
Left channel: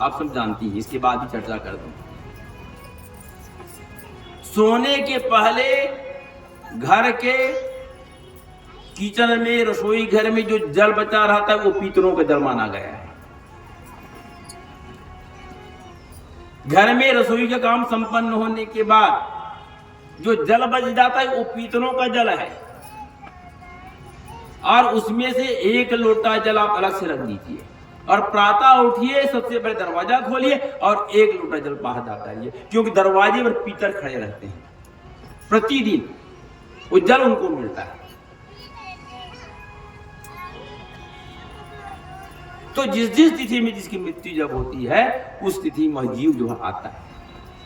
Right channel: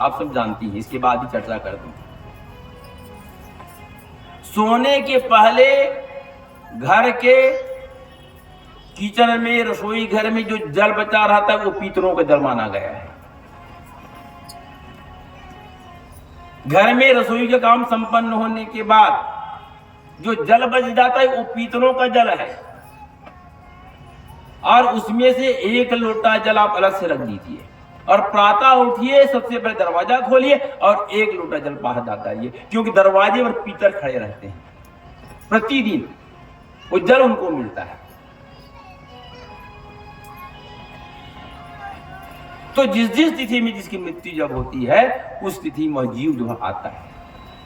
आप सब जानती हैं, इसके बाद ही चर्चा कर दूं। सोने के पहले घर के किचन में, रसोई घर में जो जल बचा रहता है वो पितरों का जल माना गया है। घर में रसोई का काम संपन्न होने के बाद जो जल बच जाता है वो पितरों का जल है, और उसमें से 1 लोटा जल आप अलग से रख दीजिए, और प्रातः उठिए, सबसे पहले दरवाजा खोलिए और 1 लोटा जल बाहर डालिए, क्योंकि दरवाजे पर पितर खड़े रहते हैं, प्रतिदिन वो जल उनको मिलता है। तो जिस जिस तिथि में जिसकी मृत्यु जब होती है, उस तिथि में जीव जो आता है,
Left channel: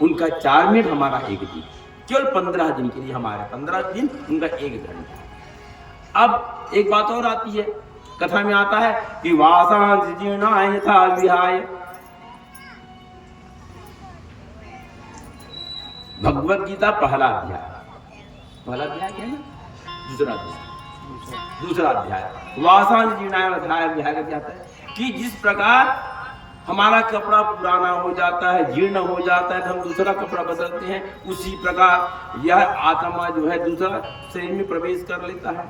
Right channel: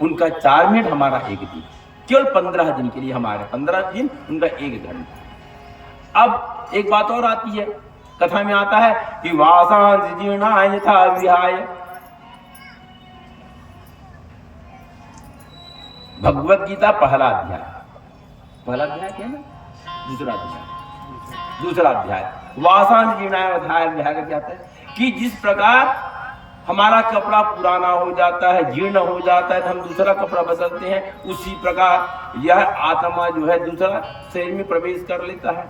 उनका 4 मिनट हमारा 1 दिन, केवल 15 दिन के लिए हमारे 15 दिन, उनका 1 घंटा। अब एक बात और आती है, कथा में आता है कि वासांस जीर्णाय यथा विहाय, भगवत गीता पहला अध्याय क्या है ना, दूसरा अध्याय वासांस जीर्णाय यथा विहाय कहता है कि जिस प्रकार हमारा कपड़ा पुराना हो जाता है, जीर्ण हो जाता है, तो हम दूसरा कपड़ा बदलते हैं, उसी प्रकार यह आत्मा जो है दूसरा शरीर में प्रवेश कर लेता है।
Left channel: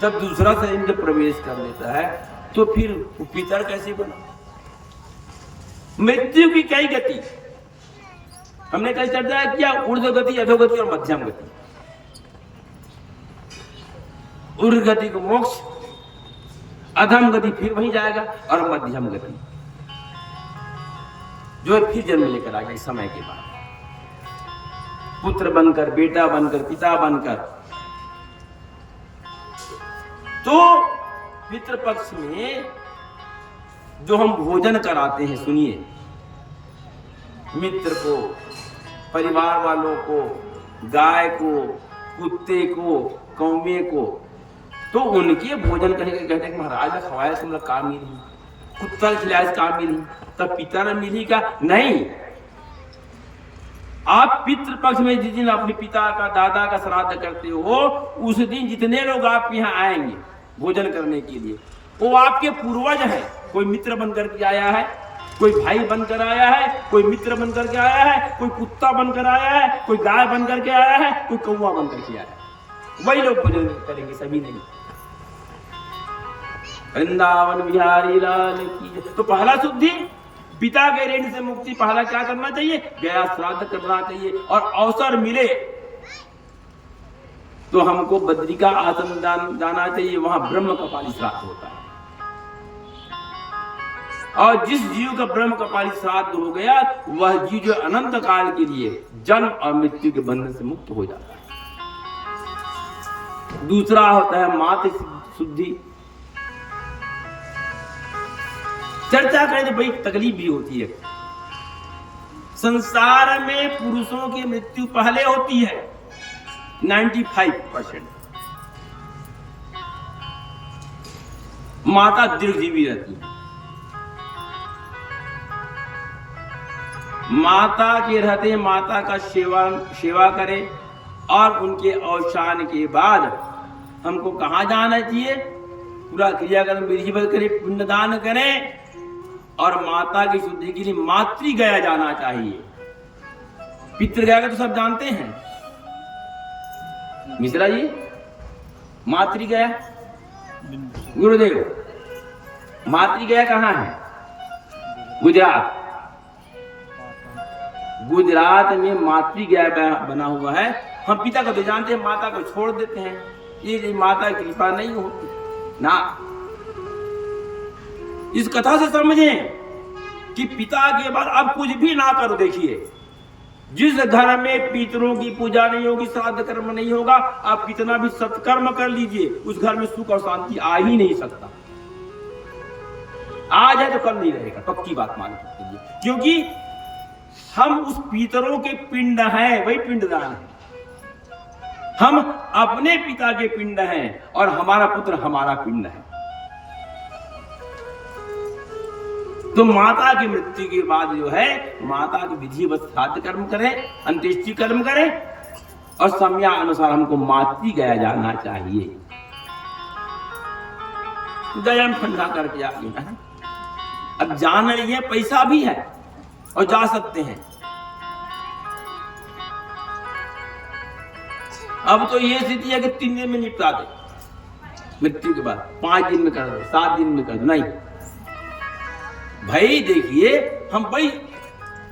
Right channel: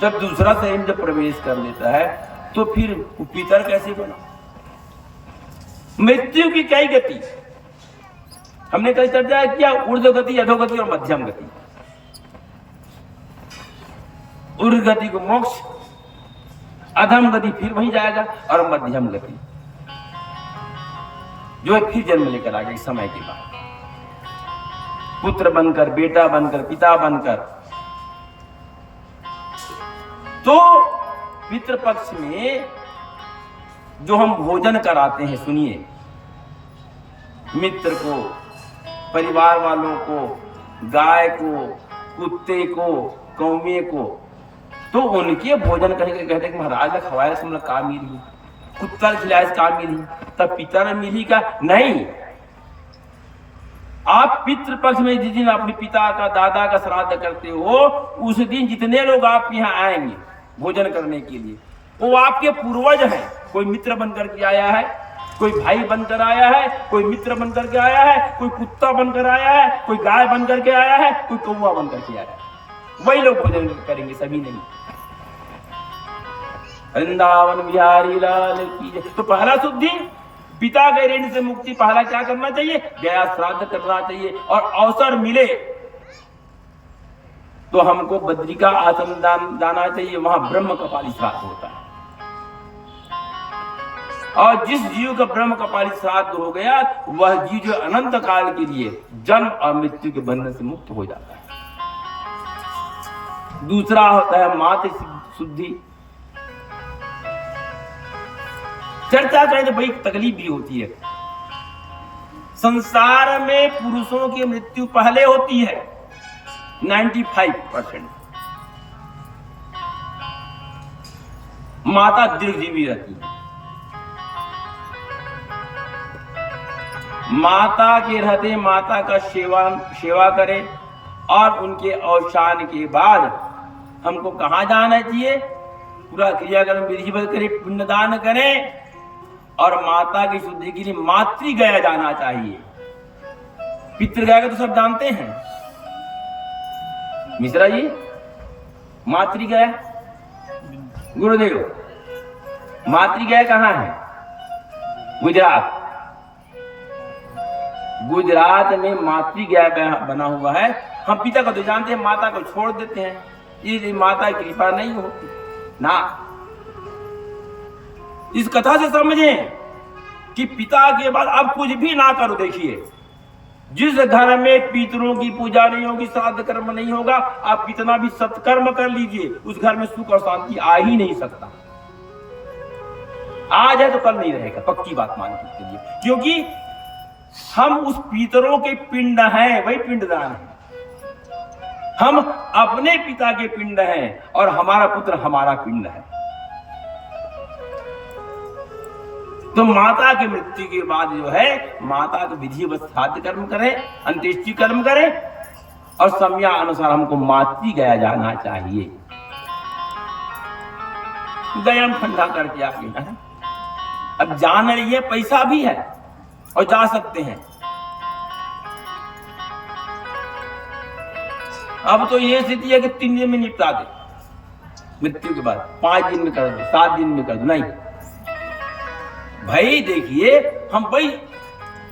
जब दूसरा शरीर में जब प्रवेश कर लेता है तो फिर पितर कैसे बना? मृत्यु की कई गति हमने कई चर्चा किया, ऊर्ध्व गति, अधोगति और मध्यम गति। ऊर्ध्व गति को मोक्ष, अधम गति फिर वहीं जाएगा, और मध्यम गति जो है फिर जन्म लेकर आएगा इस समय के बाद, पुत्र बनकर, बेटा बनकर, पिता बनकर। तो पितृपक्ष में जो हम भोजन कराते हैं, सुनिए, मित्र को, परिवार वालों को, गाय को, कुत्ते को, कौवे को, तो उनके भोजन करने के कहते हैं कि महाराज खवाया से मतलब काम मिली, कुत्ता खिलाया काम मिली, तब पिता ने मिली का नहीं। आप पितृपक्ष में जिस दिन अपने पिता का, दादा का श्राद्ध करते हो, उस दिन जितने लोग आपके यहाँ आएंगे भोजन करने के लिए, वो आपके पूर्वज हैं। कोई मित्र बनकर के आया है, कोई भाई बनकर आया है, कोई मित्र बनकर के आया है, कोई कुत्ता बनकर आया है, कोई गाय बनकर के आया है, कोई कौवा बनकर के आया है, वही लोग भोजन करेंगे, सभी नहीं। वृंदावन बिहारी लाल की जय। तो पहला शुद्धि, पिता के ऋण से मुक्ति, पहला क्या करना चाहिए? गया श्राद्ध करना चाहिए, और अवसर मिले तो हमको बद्री का आश्रम जाना चाहिए, वहां ब्रह्म कपाली श्राद्ध होता है। और जिस जीव का ब्रह्म कपाली श्राद्ध हो गया, वह जीव जो अनंत काल के लिए जन्म और मृत्यु के बंधन से मुक्त हो जाता है। दूसरा होता है मातृ शुद्धि। चर्चा करें तो बड़ी तकलीफ भी होती है। संसार में पुरुषों की मृत्यु पहले होती है 95%। माता दीर्घजीवी रहती है, माता के रहते माता का सेवा करे और उनके अवसान के बाद हमको कहाँ जाना चाहिए? पूरा क्रियाकर्म विधिवत करे, पिंडदान करें और माता की शुद्धि के लिए मातृ गया जाना चाहिए। पितृ गया तो सब जानते हैं मिश्रा जी, मातृ गया गुरुदेव, मातृ गया कहाँ है? गुजरात। गुजरात में मातृ गया बना हुआ है। हम पिता को तो जानते हैं, माता को छोड़ देते हैं, ये माता की कृपा नहीं होती ना। इस कथा से समझें कि पिता के बाद अब कुछ भी ना करो। देखिए, जिस घर में पितरों की पूजा नहीं होगी, श्राद्ध कर्म नहीं होगा, आप कितना भी सत्कर्म कर लीजिए, उस घर में सुख और शांति आ ही नहीं सकता। आज है तो कल नहीं रहेगा, पक्की बात मान के चलिए, क्योंकि हम उस पितरों के पिंड हैं, वही पिंडदान है। हम अपने पिता के पिंड हैं और हमारा पुत्र हमारा पिंड है। तो माता की मृत्यु के बाद जो है, माता को विधिवत श्राद्ध कर्म करें, अंत्येष्टि कर्म करें और समयानुसार हमको मातृ गया जाना चाहिए। गया ठंडा करके आ गया है। अब जाना नहीं है, पैसा भी है और जा सकते हैं। अब तो ये स्थिति है कि 3 दिन में निपटा दे, मृत्यु के बाद 5 दिन में कर दे, 7 दिन में कर दे। नहीं भाई, देखिए हम भाई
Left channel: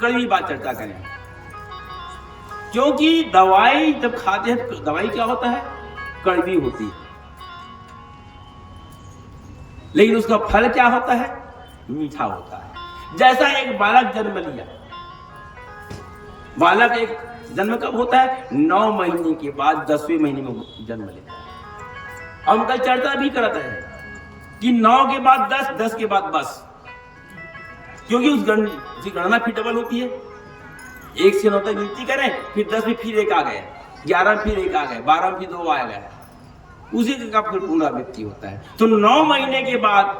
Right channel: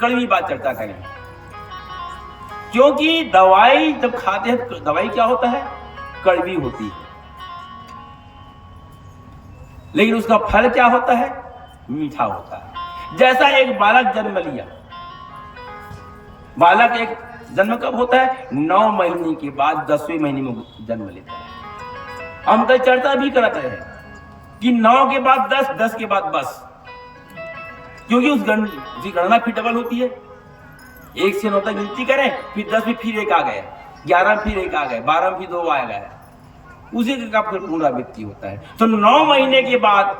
कड़वी बात चर्चा करें, क्योंकि दवाई जब खाते हैं तो दवाई क्या होता है? कड़वी होती है, लेकिन उसका फल क्या होता है? मीठा होता है। जैसा एक बालक जन्म लिया, बालक एक जन्म कब होता है? 9 महीने के बाद 10वें महीने में जन्म लेता है। हम कल चर्चा भी करते हैं कि 9 के बाद 10, 10 के बाद बस, क्योंकि उस गणना फिर डबल होती है। 1 से 9 तक गिनती करें, फिर 10 में फिर 1 आ गया, 11 में फिर 1 आ गया, 12 में फिर 2 आ गया, उसी का फिर पुनरावृत्ति होता है। तो 9 महीने के बाद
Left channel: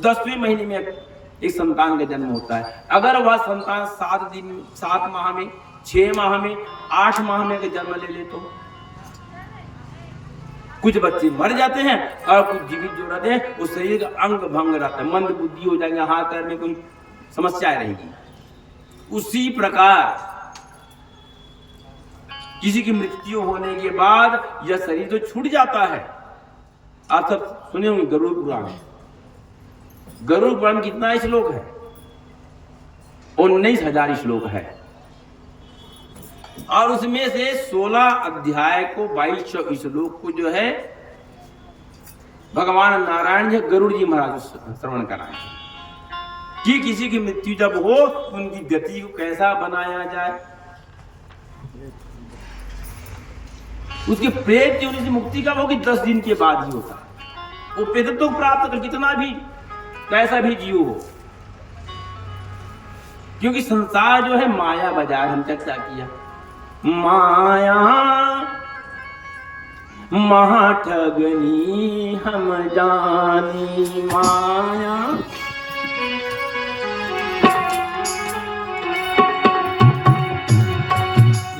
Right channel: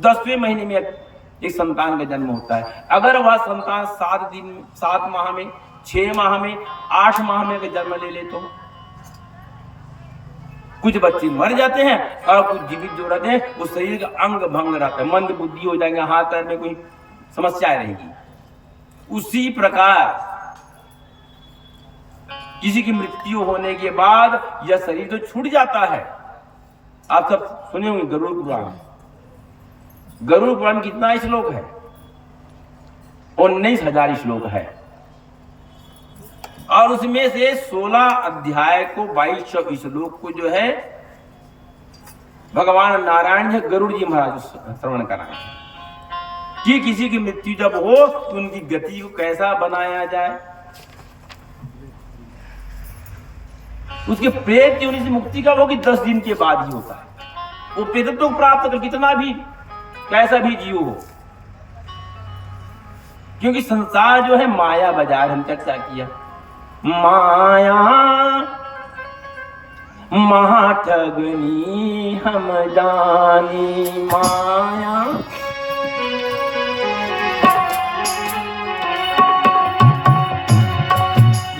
10वें महीने में एक संतान का जन्म होता है। अगर वह संतान 7 माह में, 6 माह में, 8 माह में अगर जन्म ले तो कुछ बच्चे मर जाते हैं और कुछ जीवित जो रहते हैं, उस शरीर का अंग भंग रहता है, मंद बुद्धि हो जाएंगे, हाथ पैर में कोई समस्या रहेगी। उसी प्रकार किसी की मृत्यु होने के बाद यह शरीर तो छूट जाता है। आप सब सुने होंगे गरुड़ पुराण। गरुड़ पुराण कितना श्लोक है? 19,000 श्लोक है, और उसमें से 16 अध्याय को 2200 श्लोक को जो है भगवान नारायण जी गरुड़ जी महाराज श्रवण कराए कि किसी की मृत्यु जब हो तो उनकी गति को कैसा बनाया जाए, उसके प्रेत योनि से मुक्ति का वो कि 10 दिन के बाद ही होता है। वो प्रेतत्व तो प्राप्त कर कितना भी कैसा भी जीव हो, क्योंकि संसार जो है माया बाजार, हम चर्चा किया, माया महाठगनी हम जानी, माया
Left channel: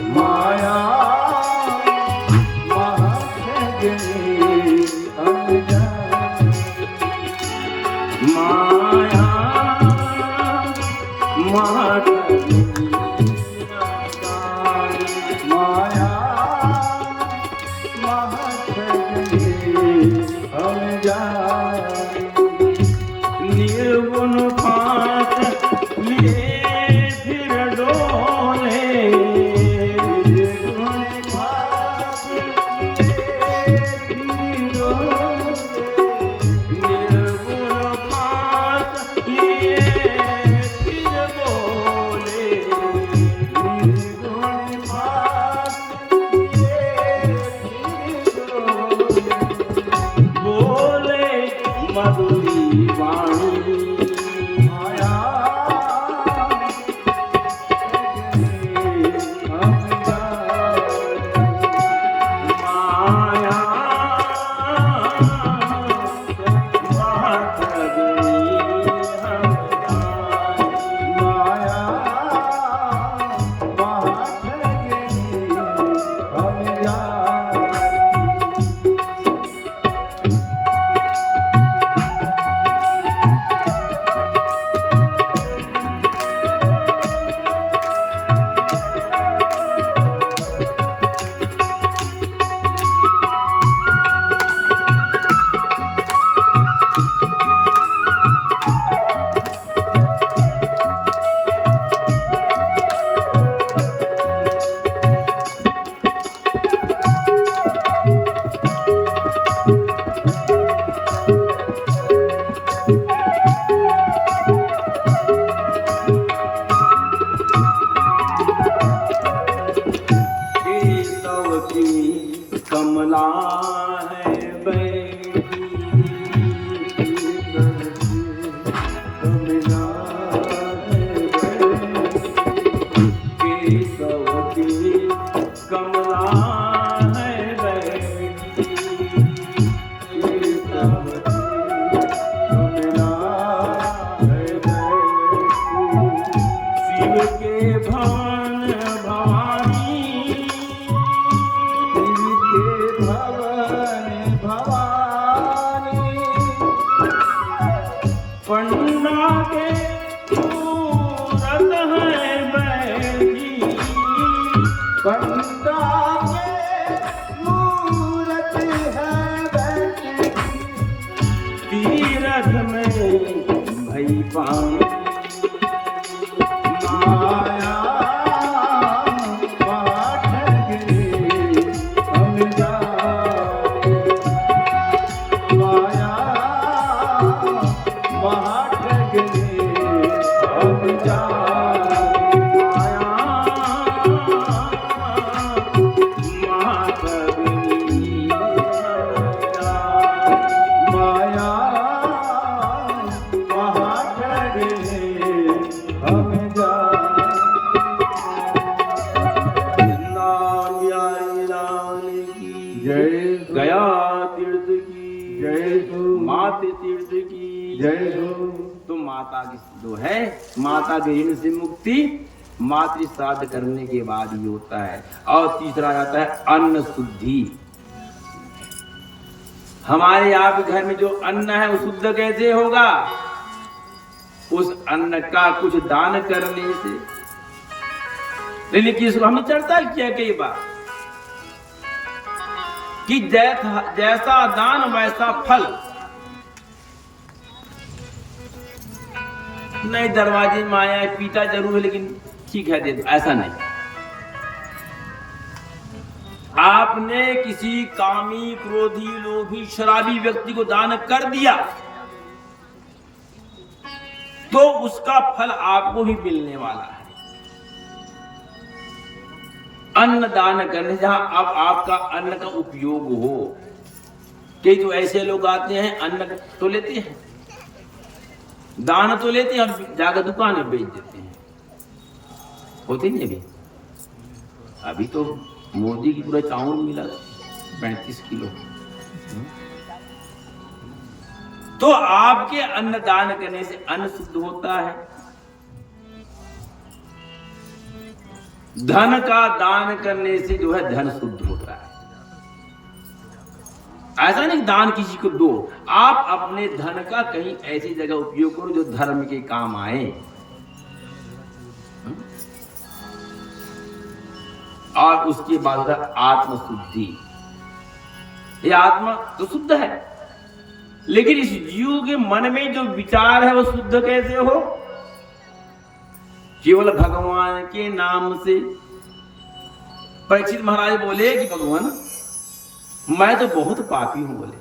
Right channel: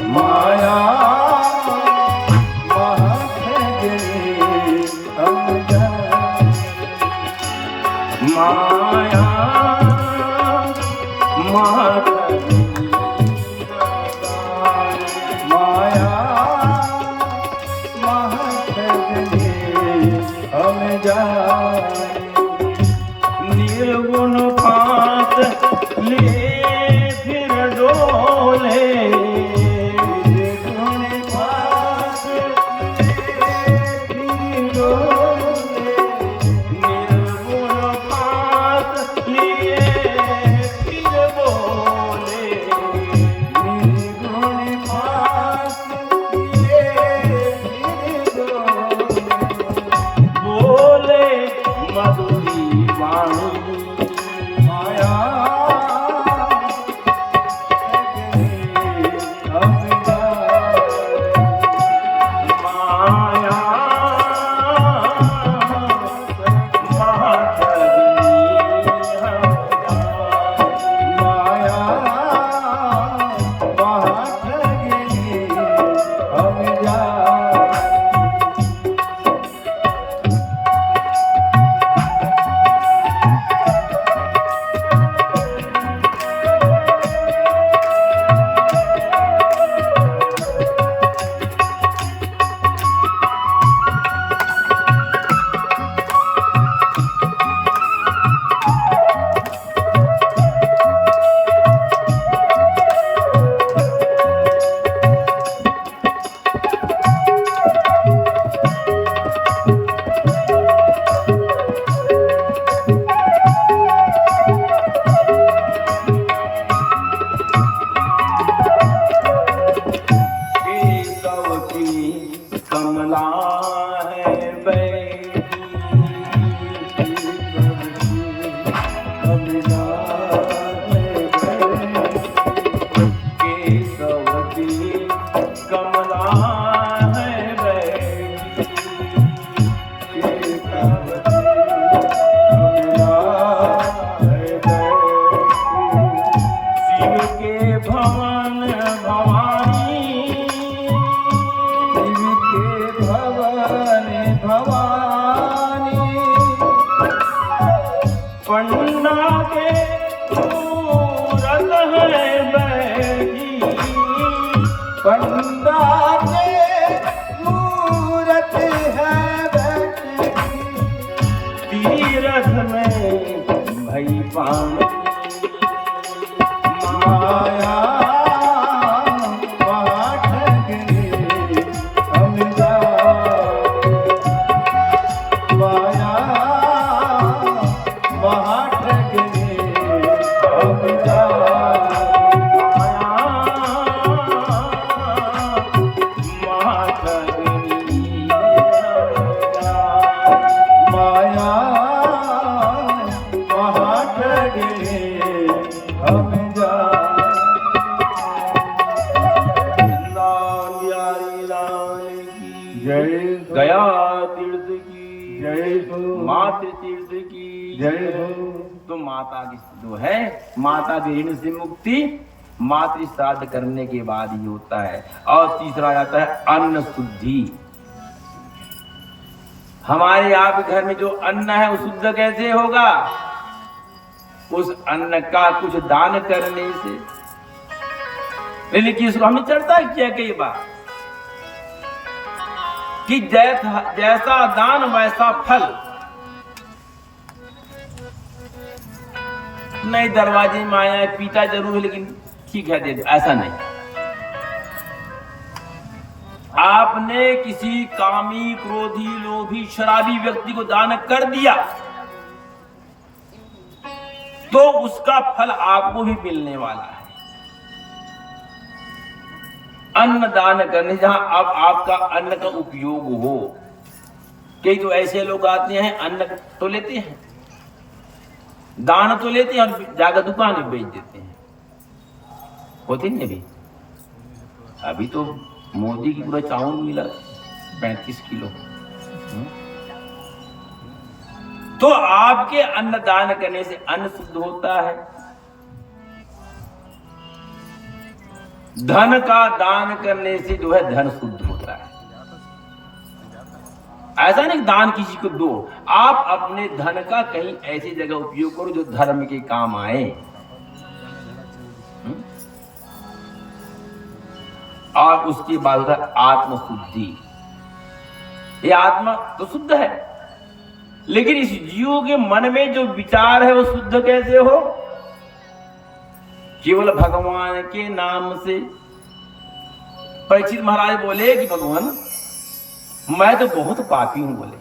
माया महाठगनी हम जानी, माया महाठगनी माया महाठगनी हम जानी, निर्गुण पात लिए फिर डोले, निर्गुण पात लिए फिर डोले, निर्गुण पात लिए फिर बोले, शिव के भवन भवानी, शिव के भवन भवानी, पंडा के मूरत है बैठी, पंडा के मूरत है बैठी, तीरथ में भई पानी, माया पाठकने हम जाने, माया पाठकने हम जाने, माया पाठकने हम जाने। जय गया तीर्थ की जय हो, मातृ तीर्थ की जय हो, तो माता की जो है माता के ऋण से मुक्ति मातृ श्राद्ध करने के बाद ही होता है। और तीसरा आता है अन्न शुद्धि। हमारे आपके घर में जो अन्न है वो शुद्ध कैसे होगा? उस अन्न का कुछ दान करने से। लेकिन किसको हमने चर्चा किया कई बार कि जैसा दान वैसा फल। नहीं दरवाजे में आया पीता जरूर है लेकिन ठीक है दे दो, ऐसा नहीं। आपने किसी कामी, क्रोधी, लोभी, शराबी व्यक्ति को दान कर दिया तो उसका फल आपको ही मिलने वाला है। अन्न दान करने जहां अब आपका अन्न का उपयोग हो। कई तो ऐसे लोग आते हैं अन्न तो लेते हैं, दान तो लेते हैं और जाकर दुकान में बेच देते हैं। होते नहीं अभी तो मोदी की पूरा चावल मिला 35 किलो। तो आपके अन्न दान करने से अन्न शुद्ध होता है। धन का दान करने से जो है धन शुद्ध होता है। ऐसा नहीं दान किसी को दो, आप अपने धन का कहीं ऐसी जगह उपयोग करो जो धर्म के काम आए। और उसके बाद आत्म शुद्धि। ये आत्मा तो शुद्ध है लेकिन इस जीव के मन में जो विचार है वो शुद्ध कैसे हो? केवल भगवान के नाम से। परीक्षित महाराज बोले कि भगवान मैं तो बहुत पापी हूं, बोले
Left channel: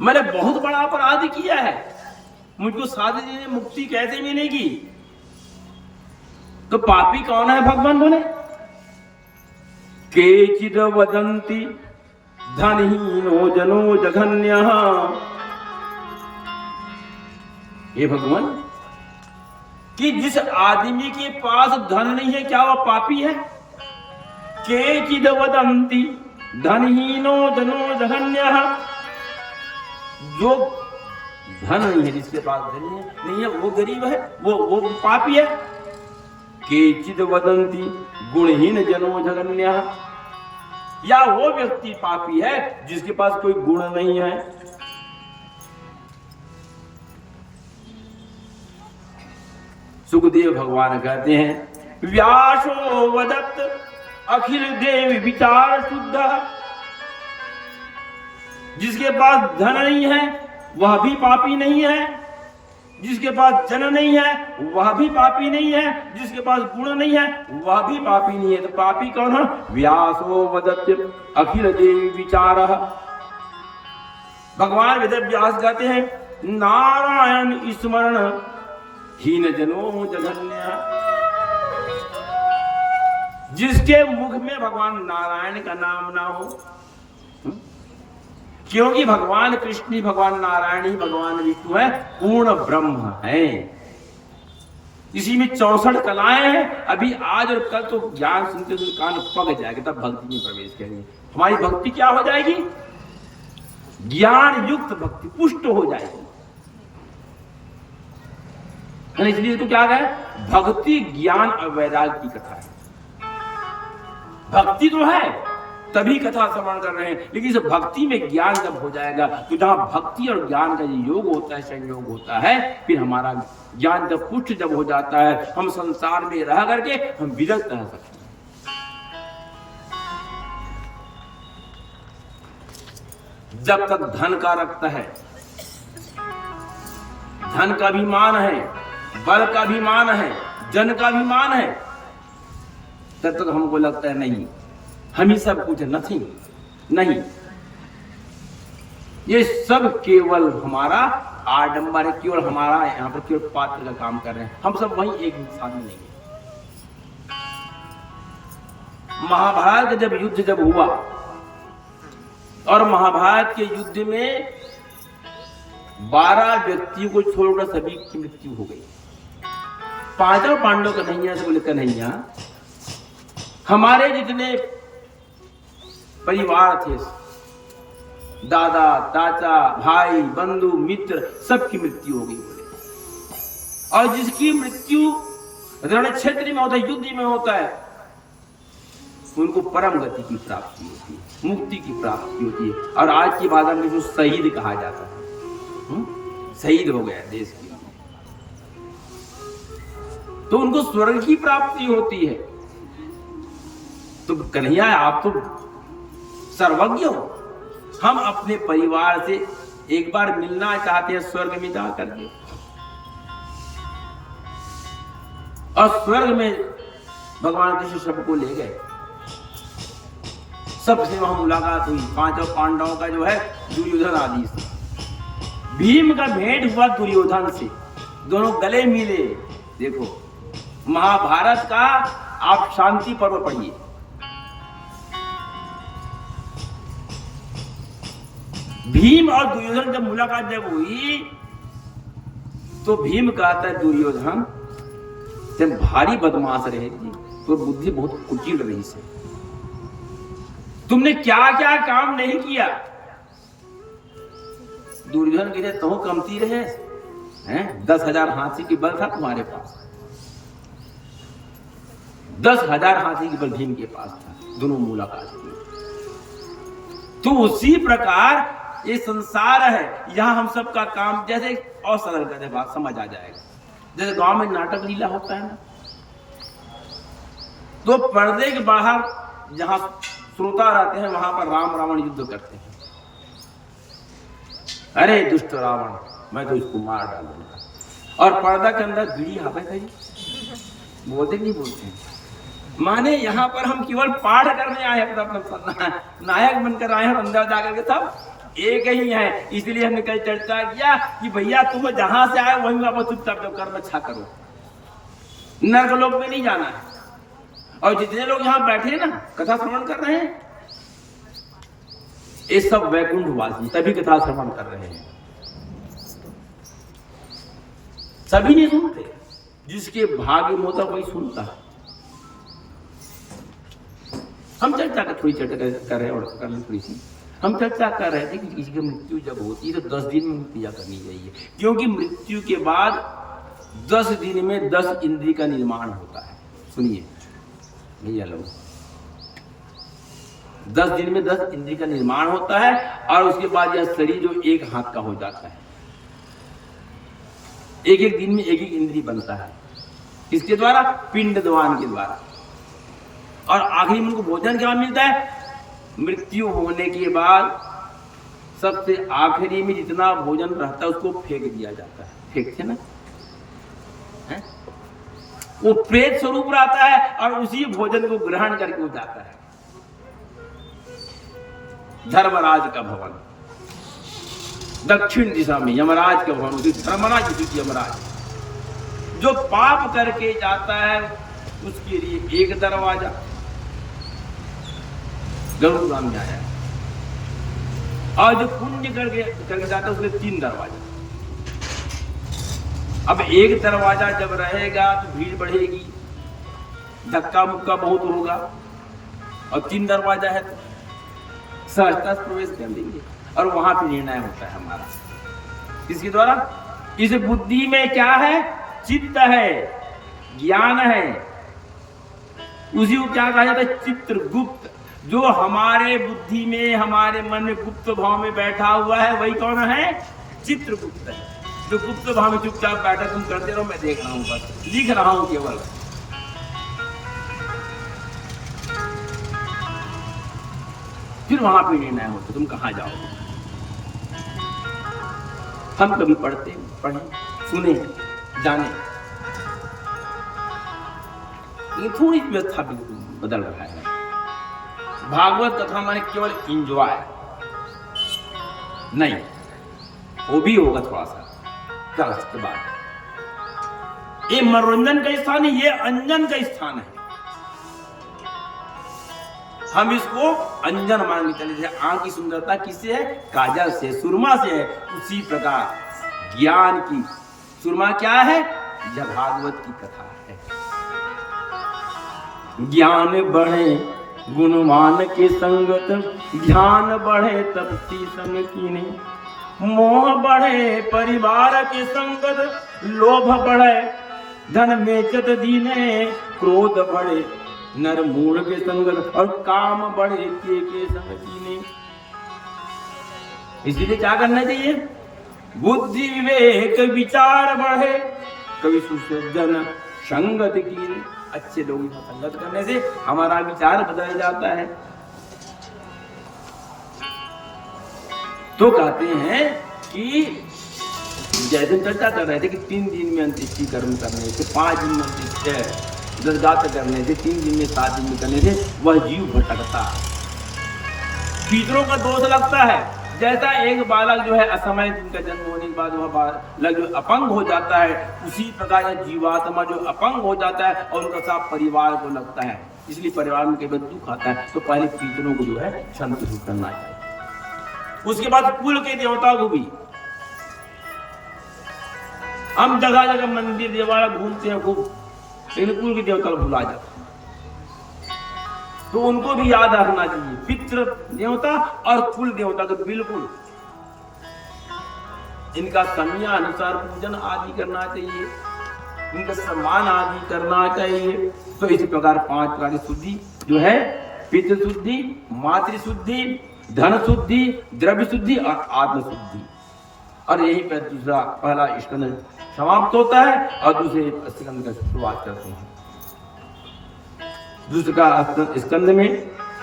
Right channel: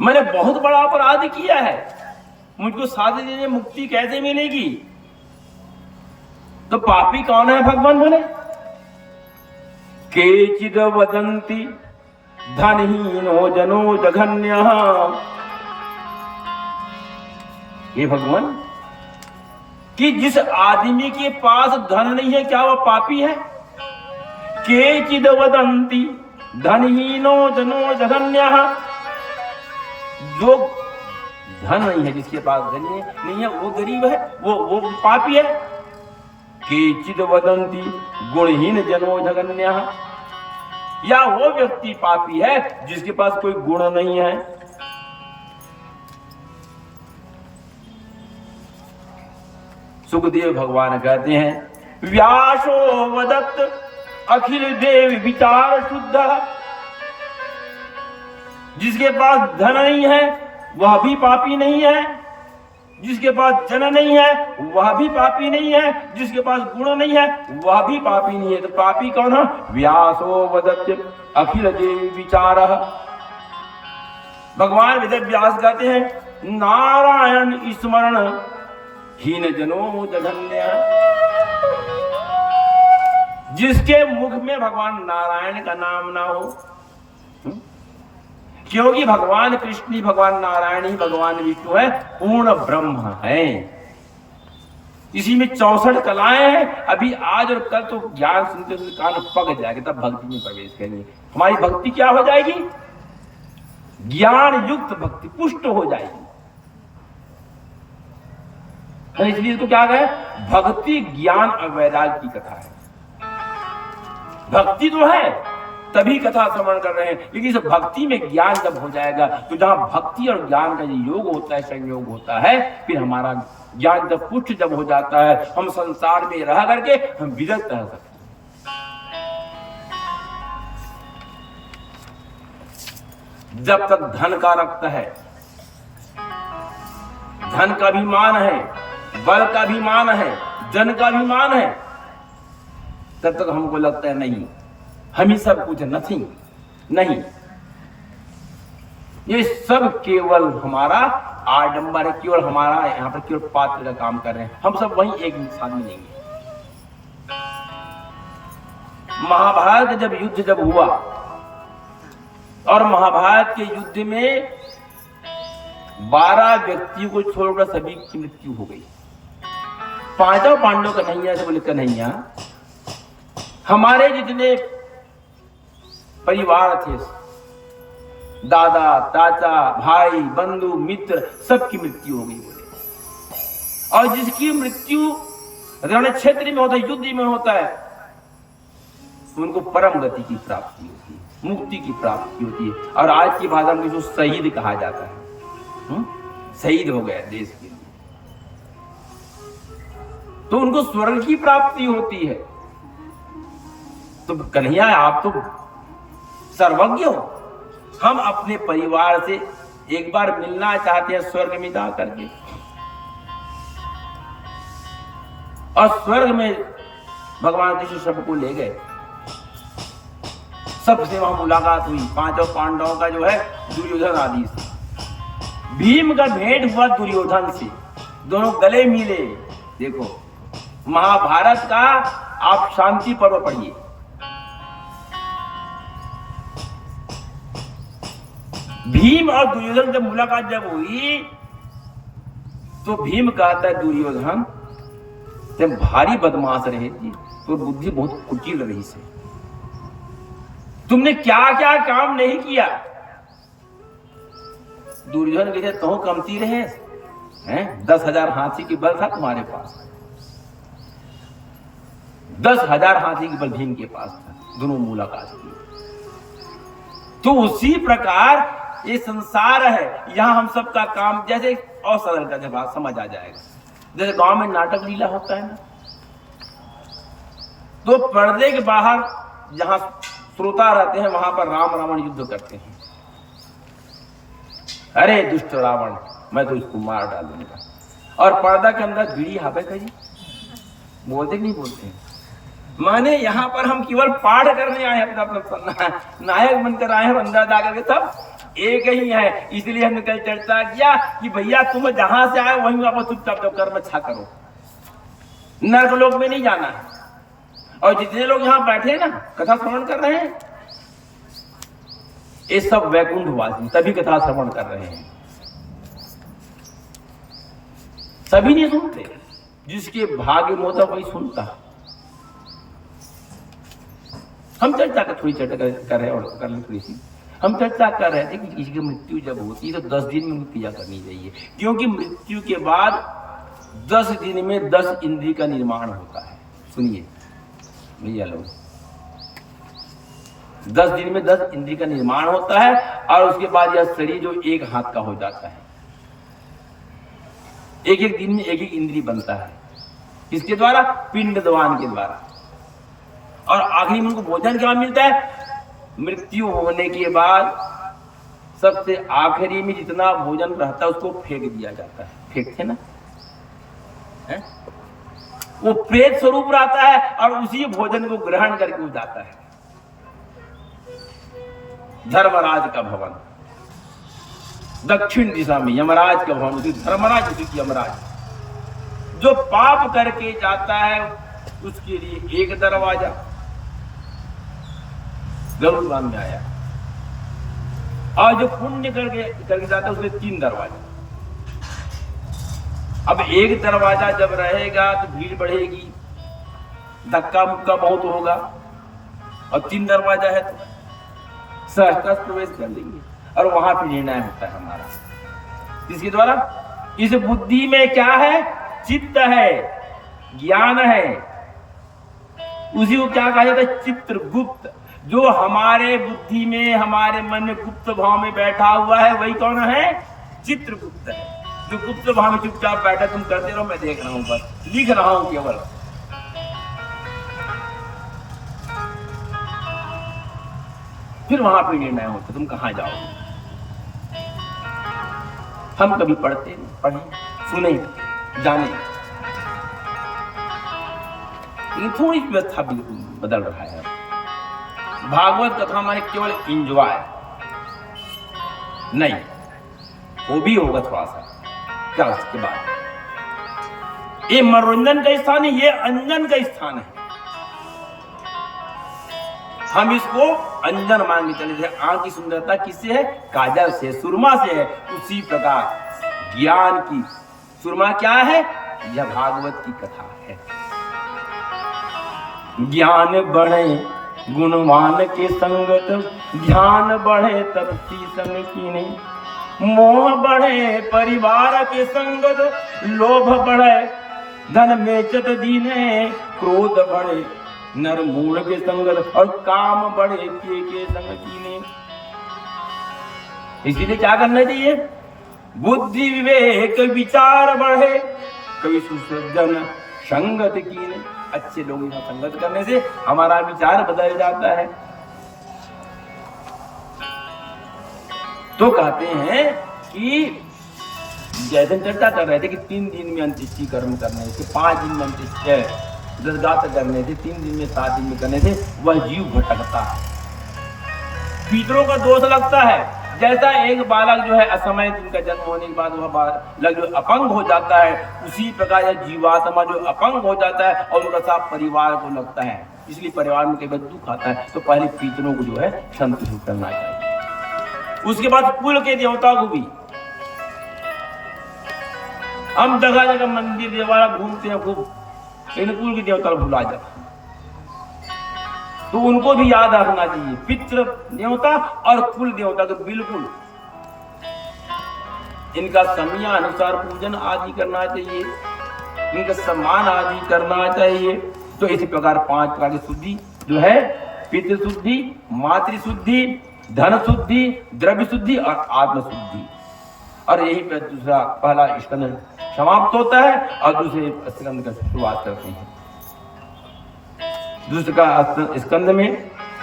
मैंने बहुत बड़ा अपराध किया है, मुझको साधे देने मुक्ति कैसे मिलेगी? तो पापी कौन है? भगवान बोले केचिद वदन्ति धनहीनो जनो जघन्यः। हे भगवान कि जिस आदमी के पास धन नहीं है क्या वह पापी है? केचिद वदन्ति धनहीनो जनो जघन्यः। जो धन नहीं है, जिसके पास धन नहीं है वो गरीब है, वो पापी है। केचिद वदन्ति गुणहीन जनो जघन्यः। या वो व्यक्ति पापी है जिसके पास कोई गुण नहीं है। सुखदेव भगवान कहते हैं व्यासो वदत् अखिल देव विचार शुद्ध। जिसके पास धन नहीं है वह भी पापी नहीं है, जिसके पास जन नहीं है वह भी पापी नहीं है, जिसके पास गुण नहीं है वह भी पापी नहीं है। तो पापी कौन है? व्यासो वदत् अखिल देव विचार। भगवान वेद व्यास कहते हैं नारायण स्मरण हीन जनो जघन्य। जिसके मुख में भगवान नारायण का नाम ना हो, क्योंकि भगवान कृष्ण ही भगवान नारायण ही भगवान विष्णु है, पूर्ण ब्रह्म है। इसी में 64 कलाएं हैं। अभी आज और कल तो ज्ञान सुनते हुए कान पक जाएगा, तब भक्ति में प्रवेश करेंगे। हमारी भक्ति क्या हो जाएगी? ज्ञान युक्त भक्ति, पुष्ट हो जाएगी। इसलिए इसको क्या है, भक्ति ज्ञान और वैराग्य की कथा है। भक्ति तो है तभी कथा श्रवण कर रहे हैं, लेकिन इस भक्ति में ज्ञान जब हो जाएगा तो जहां भक्ति और ज्ञान का योग होता है, संयोग होता है, फिर हमारा ज्ञान जब पुष्ट जब हो जाता है, हम संसार में रह करके हम विरक्त रह सकते हैं। जब तक धन का रक्त है, धन का भी मान है, बल का भी मान है, जन का भी मान है, तब तक हमको लगता है नहीं हम ही सब कुछ, नथिंग, नहीं, ये सब केवल हमारा आडंबर है, केवल हमारा यहाँ पर केवल पात्र का काम कर रहे हैं, हम सब वही एक इंसान ही नहीं है। महाभारत जब युद्ध जब हुआ और महाभारत के युद्ध में 12 व्यक्तियों को छोड़कर सभी की मृत्यु हो गई। पांचों पांडवों का कन्हैया से बोले कन्हैया, हमारे जितने परिवार थे, दादा चाचा भाई बंधु मित्र, सबकी मृत्यु हो गई बोले। और जिसकी मृत्यु रण क्षेत्र में होता है, युद्ध में होता है, उनको परम गति की प्राप्ति होती है, मुक्ति की प्राप्ति होती है। और आज की भाषा में जो शहीद कहा जाता है, शहीद हो गया देश के लिए, तो उनको स्वर्ग की प्राप्ति होती है। तो कन्हैया आप तो सर्वज्ञ हो, हम अपने परिवार से एक बार मिलना चाहते हैं स्वर्ग में जा करके। और स्वर्ग में भगवान कृष्ण सबको ले गए, सबसे वहां मुलाकात हुई, पांचों पांडवों का जो है दुर्योधन आदि से। भीम का भेंट हुआ दुर्योधन से, दोनों गले मिले। देखो महाभारत का आप शांति पर्व पढ़िए, भीम और दुर्योधन जब मुलाकात जब हुई तो भीम कहता है दुर्योधन तुम भारी बदमाश रहे जी, तो बुद्धि बहुत कुटिल रही से, तुमने क्या क्या काम नहीं किया। दुर्योधन कहते तो कमती रहे हैं, 10,000 हाथी की बल था तुम्हारे पास, 10,000 हाथी की बल भीम के पास था, दोनों मुलाकात की। तो उसी प्रकार ये संसार है, यहाँ हम सब का काम जैसे और सरल का जब आप समझ आ जाएगा, जैसे गांव में नाटक लीला होता है ना, तो पर्दे के बाहर जहां श्रोता रहते हैं वहां पर राम रावण युद्ध करते हैं। अरे दुष्ट रावण, मैं तो इसको मार डालूंगा। और पर्दा के अंदर बीड़ी हापे खड़ी, बोलते नहीं बोलते, माने यहाँ पर हम केवल पाठ करने आए हैं, अपना नायक बनकर आए हैं, अंदर जाकर के सब एक ही है। इसलिए हमने कल चर्चा किया कि भैया तुम जहां से आए वहीं वापस चुपचाप जो कर्म अच्छा करो, नरक लोक में नहीं जाना है। और जितने लोग यहाँ बैठे ना कथा श्रवण कर रहे हैं, ये सब वैकुंठवासी तभी कथा श्रवण कर रहे हैं, सभी नहीं सुनते, जिसके भाग्य में होता वही सुनता। हम चर्चा कर थोड़ी चर्चा कर रहे हैं और करना थोड़ी सी हम चर्चा कर रहे थे कि किसी की मृत्यु जब होती है तो 10 दिन में क्रिया करनी चाहिए, क्योंकि मृत्यु के बाद 10 दिन में 10 इंद्रिय का निर्माण होता है। सुनिए भैया लोग, 10 दिन में 10 इंद्रिय का निर्माण होता है और उसके बाद यह शरीर जो एक हाथ का हो जाता है, एक एक दिन में एक एक इंद्रिय बनता है, किसके द्वारा? पिंडदान के द्वारा। और आखिरी में उनको भोजन क्या मिलता है? मृत्यु होने के बाद सबसे आखिरी में जितना भोजन रहता है उसको फेंक दिया जाता है, फेंकते ना है? वो प्रेत स्वरूप रहता है और उसी भोजन को ग्रहण करके जाता है धर्मराज का भवन, दक्षिण दिशा में यमराज का भवन, धर्मराज यमराज। जो पाप करके जाता है उसके लिए एक दरवाजा गरुड़गाम में आया, और जो पुण्य करके जाता है उसमें 3 दरवाजा। अब एक दरवाजा जब रहेगा तो भीड़ बढ़ेगी, धक्का मुक्का बहुत होगा, और 3 दरवाजा है तो सहजता से प्रवेश कर लेंगे और वहां पे निर्णय होता है हमारा। इसके द्वारा इस बुद्धि में क्या है चित्त है, ज्ञान है, उसी को क्या कहा जाता है? चित्रगुप्त। जो हमारे बुद्धि में, हमारे मन में गुप्त भाव में बैठा हुआ है, वही कौन है? चित्रगुप्त है। जो गुप्त भाव में चुपचाप बैठा, तुम करते रहो, मैं देख रहा हूं, बस लिख रहा हूं केवल। फिर वहां पे निर्णय होता, तुम कहां जाओ। हम कभी पढ़ते, पढ़े, सुने, जाने, लेकिन थोड़ी व्यवस्था बिल्कुल बदल रहा है। भागवत कथा माने केवल इंजॉय नहीं, वो भी होगा थोड़ा सा क्या उसके बाद। ये मनोरंजन का स्थान है, ये अंजन का स्थान है। हम इसको अंजन मान के चले थे। आंख की सुंदरता किससे है? काजल से, सुरमा से है। उसी प्रकार ज्ञान की सुरमा क्या है? यह भागवत की कथा है। ज्ञान बढ़े गुणवान के संगत, ध्यान बढ़े तपती संग कीने, मोह बढ़े परिवार के संगत, लोभ बढ़े धन बेचत दीने, क्रोध बढ़े नर मूढ़ के संगत, और काम बढ़े के संग कीने। इसीलिए क्या करना चाहिए? बुद्धि विवेक विचार बढ़े, कवि सुसज्जन संगत कीने। अच्छे लोगों का संगत करने से हमारा विचार बदल जाता है। तो कहते हैं कि जैसे चर्चा कर रहे थे कि 3 दिन में अंत्येष्टि कर्म करने से, 5 दिन में अंत्येष्टि दशगात्र करने से, 3 दिन में 7 दिन में करने से वह जीव भटकता है, पितरों का दोष लगता है। जैसा एक बालक जो है असमय जिनका जन्म होने के बाद वह बालक जो अपंग हो जाता है, उसी प्रकार यह जीवात्मा जो अपंग हो जाता है और उनका साथ परिवार को लगता है। इसलिए परिवार में कई बार दुख आता है, तो पहले पितरों को जो है संतुष्ट करना चाहिए। उसके बाद कुल के देवता को भी। हम जगह जगह मंदिर देवाला घूमते हैं खूब, लेकिन कुल के देवता भुला जाते हैं। तो उनको भी याद रखना चाहिए। पितृ देवता और कुल देवता तो बिल्कुल इनका समयानुसार पूजन आदि करना चाहिए, इनका सम्मान आदि करना चाहिए। तो इसी प्रकार 5 प्रकार की शुद्धि जो है, पितृ शुद्धि, मातृ शुद्धि, धन शुद्धि, द्रव्य शुद्धि और आत्म शुद्धि। और यही पे दूसरा पहला स्कंद समाप्त होता है और दूसरे स्कंद का शुरुआत करते हैं। दूसरा स्कंद में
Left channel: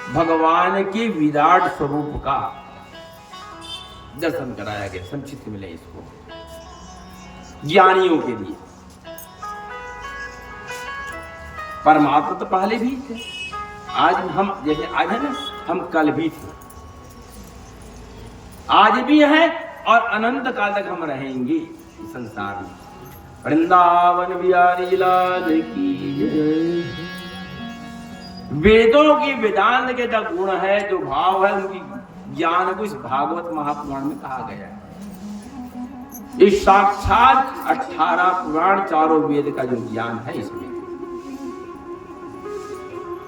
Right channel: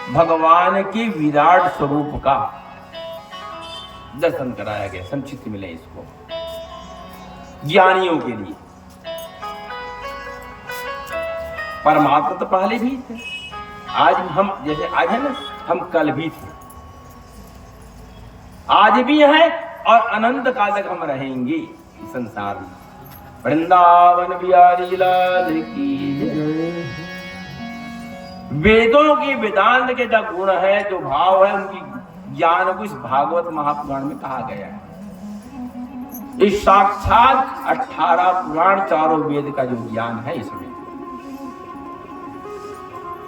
भगवान के विराट स्वरूप का दर्शन कराया गया। संक्षिप्त मिले इसको ज्ञानियों के लिए। परमात्मा तो पहले भी थे, आज हम जैसे आज है ना, हम कल भी थे, आज भी हैं और अनंत काल तक हम रहेंगे इस संसार में। वृंदावन बिहारी लाल की जय। वेदों की वेदांत के जो गुण है, जो भाव है, उनकी ज्ञान को इस भागवत महापुराण में कहा गया है। इस साक्षात 18 पुराण, चारों वेद का जो ज्ञान है इसमें,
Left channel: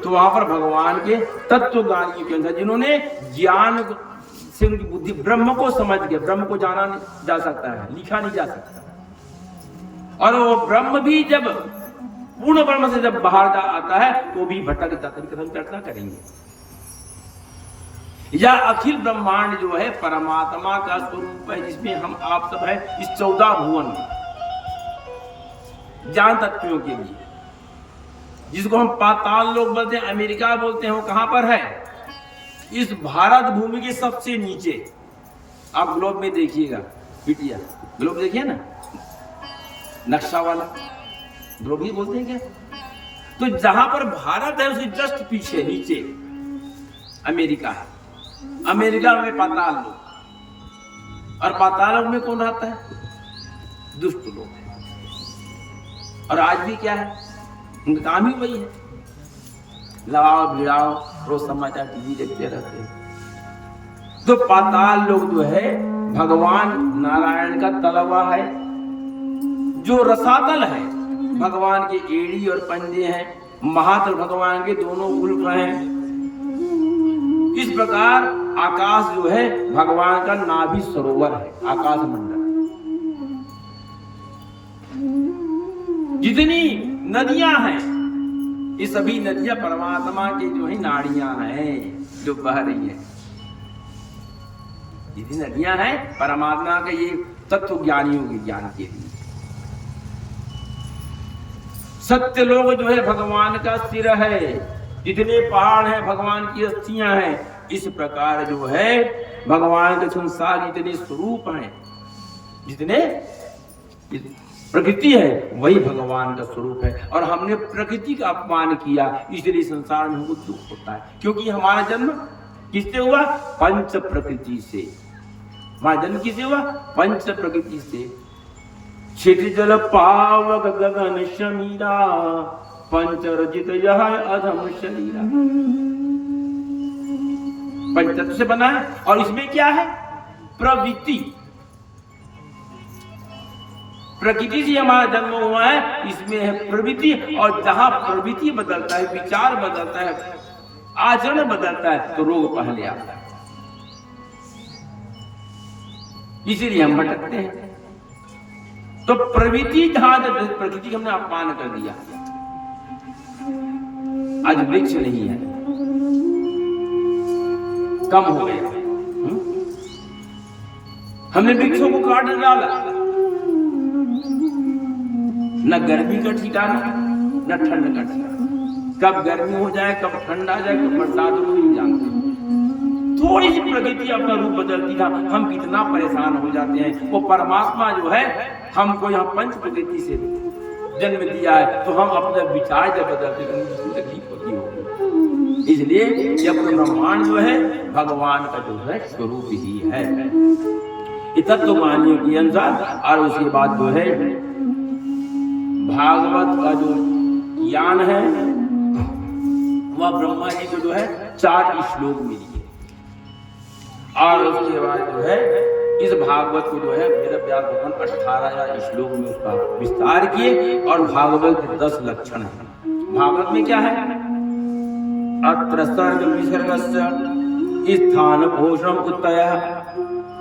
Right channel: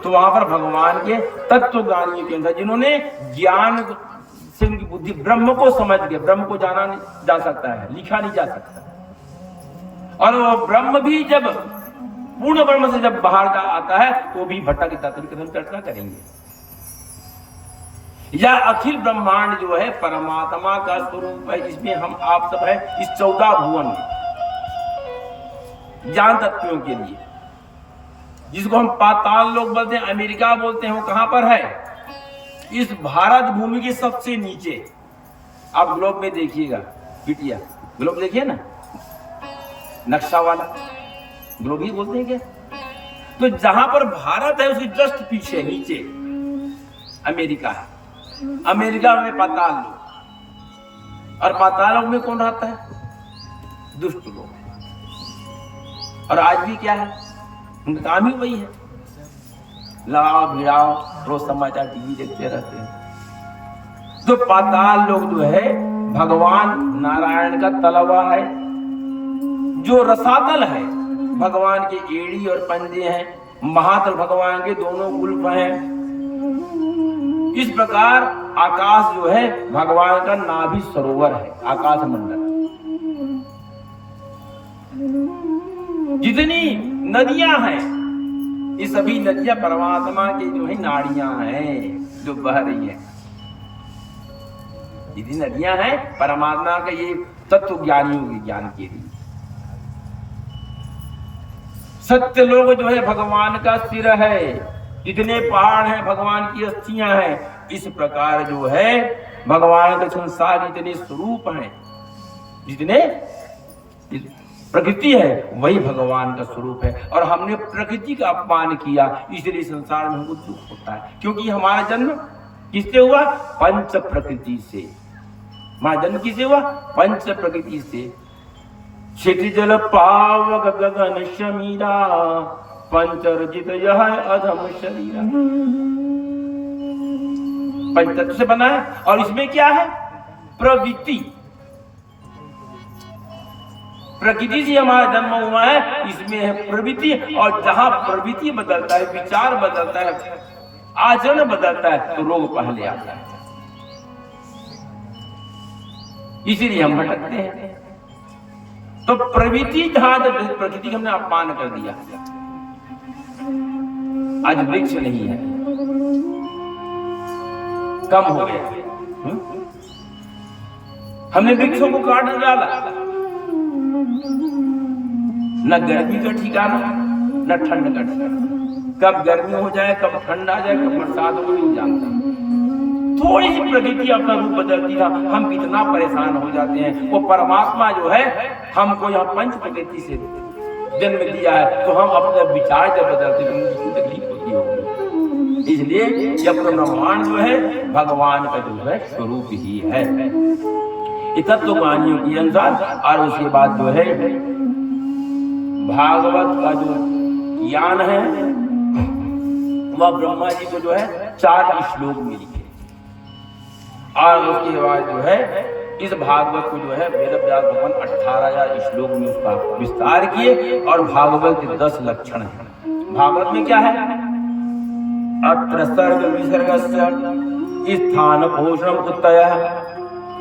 तो वहां पर भगवान के तत्वज्ञानियों के अंदर जिन्होंने ज्ञान से उनकी बुद्धि ब्रह्म को समझ के, ब्रह्म को जाना नहीं जा सकता है, लिखा नहीं जा सकता। और वो ब्रह्म भी जब पूर्ण ब्रह्म से जब बाहर का आता है तो भी भटक जाता है। हम चर्चा करेंगे। या अखिल ब्रह्मांड जो है परमात्मा का स्वरूप है, जिसमें हम आप सब है इस 14 भुवन में ज्ञान तत्वों के लिए, जिसको हम पाताल लोक बोलते हैं, अमेरिका बोलते हैं, वो कहां पर है? इस भारत भूमि के सबसे नीचे। आप ग्लोब में देखिएगा, बिटिया ग्लोब देखिए ना, नक्शा वाला ग्लोब ही बोलते हैं क्या? तो जहां पर भारत है उसके जस्ट पीछे नीचे अमेरिका है। अमेरिका में पाताल लोक, और पाताल लोक में कौन रहता है? दुष्ट लोग। और आज भी क्या है? उनका काम ही वही है, लगाओ भिड़ाओ, रोज समाचार टीवी देखते रहते हैं। तो पाताल लोक जो है भगवान नारायण का तलवा है, जो रसातल है भगवान के एड़ी और पंजे हैं, महातल भगवान के दोनों उल्फ हैं। इस प्रकार आकाश जो है भगवान का नाभि सरोवर है, आकाश मंडल। जितनी नदियां हैं ये सभी नदियां परमात्मा की जो है नाड़ियां हैं जो बह रही हैं। जितनी नदियां हैं परमात्मा के ये तत्व ज्ञानियों के ज्ञान के लिए। सत्य लोग जो है भगवान का सिर है, जितने पहाड़ हैं भगवान की अस्थियां हैं। इस प्रकार जो है भगवान के संसार जितने स्वरूप हैं, जितने प्रकृति है वही भगवान का स्वरूप है। और हमने प्रकृति का अपमान किया, इसलिए संसार में हमको दुख होता है। क्योंकि हमारा जन्म किससे हुआ? पंच प्रकृति से। हमारा जन्म किससे हुआ? पंच प्रकृति से। क्षिति जल पावक गगन शमीरा, पंच रजित यह अधम शरीरा। पंचतत्व से बना है। और इसमें क्या है? प्रवृत्ति। प्रकृति से हमारा जन्म हुआ है, इसमें है प्रवृत्ति। और जहां प्रवृत्ति बदलता है, विचार बदलता है, आचरण बदलता है, तो रोग पहले आता है। इसीलिए हम भटकते हैं। तो प्रवृत्ति जहां प्रकृति का हमने अपमान कर दिया, आज वृक्ष नहीं है, कम हो गया। हमने वृक्षों को काट डाला। न गर्मी का ठिकाना न ठंड का ठिकाना। कब गर्मी हो जाए, कब ठंड आ जाए, कब बरसात हो, नहीं जानते। थोड़ी सी प्रकृति अपना रूप बदलती था, हम कितना परेशान हो जाते हैं। वो परमात्मा जो है हमको यहाँ पंच प्रकृति से जन्म दिया है, तो हम अपने विचार जब बदलते तो मुझे तकलीफ होती होगी। इसलिए जब ब्रह्मांड जो है भगवान का जो है स्वरूप ही है, तत्व कहानियों के अनुसार। और उसके बाद जो है भागवत का जो ज्ञान है वह ब्रह्मा जी को जो है 4 श्लोक मिली है। और उसके बाद जो है इस भागवत को जो है वेद व्यास भगवान 18 श्लोक में उसका विस्तार किए। और भागवत के 10 लक्षण है। भागवत में क्या है? अत्र सर्ग विसर्गस्य स्थान पोषण उत्तय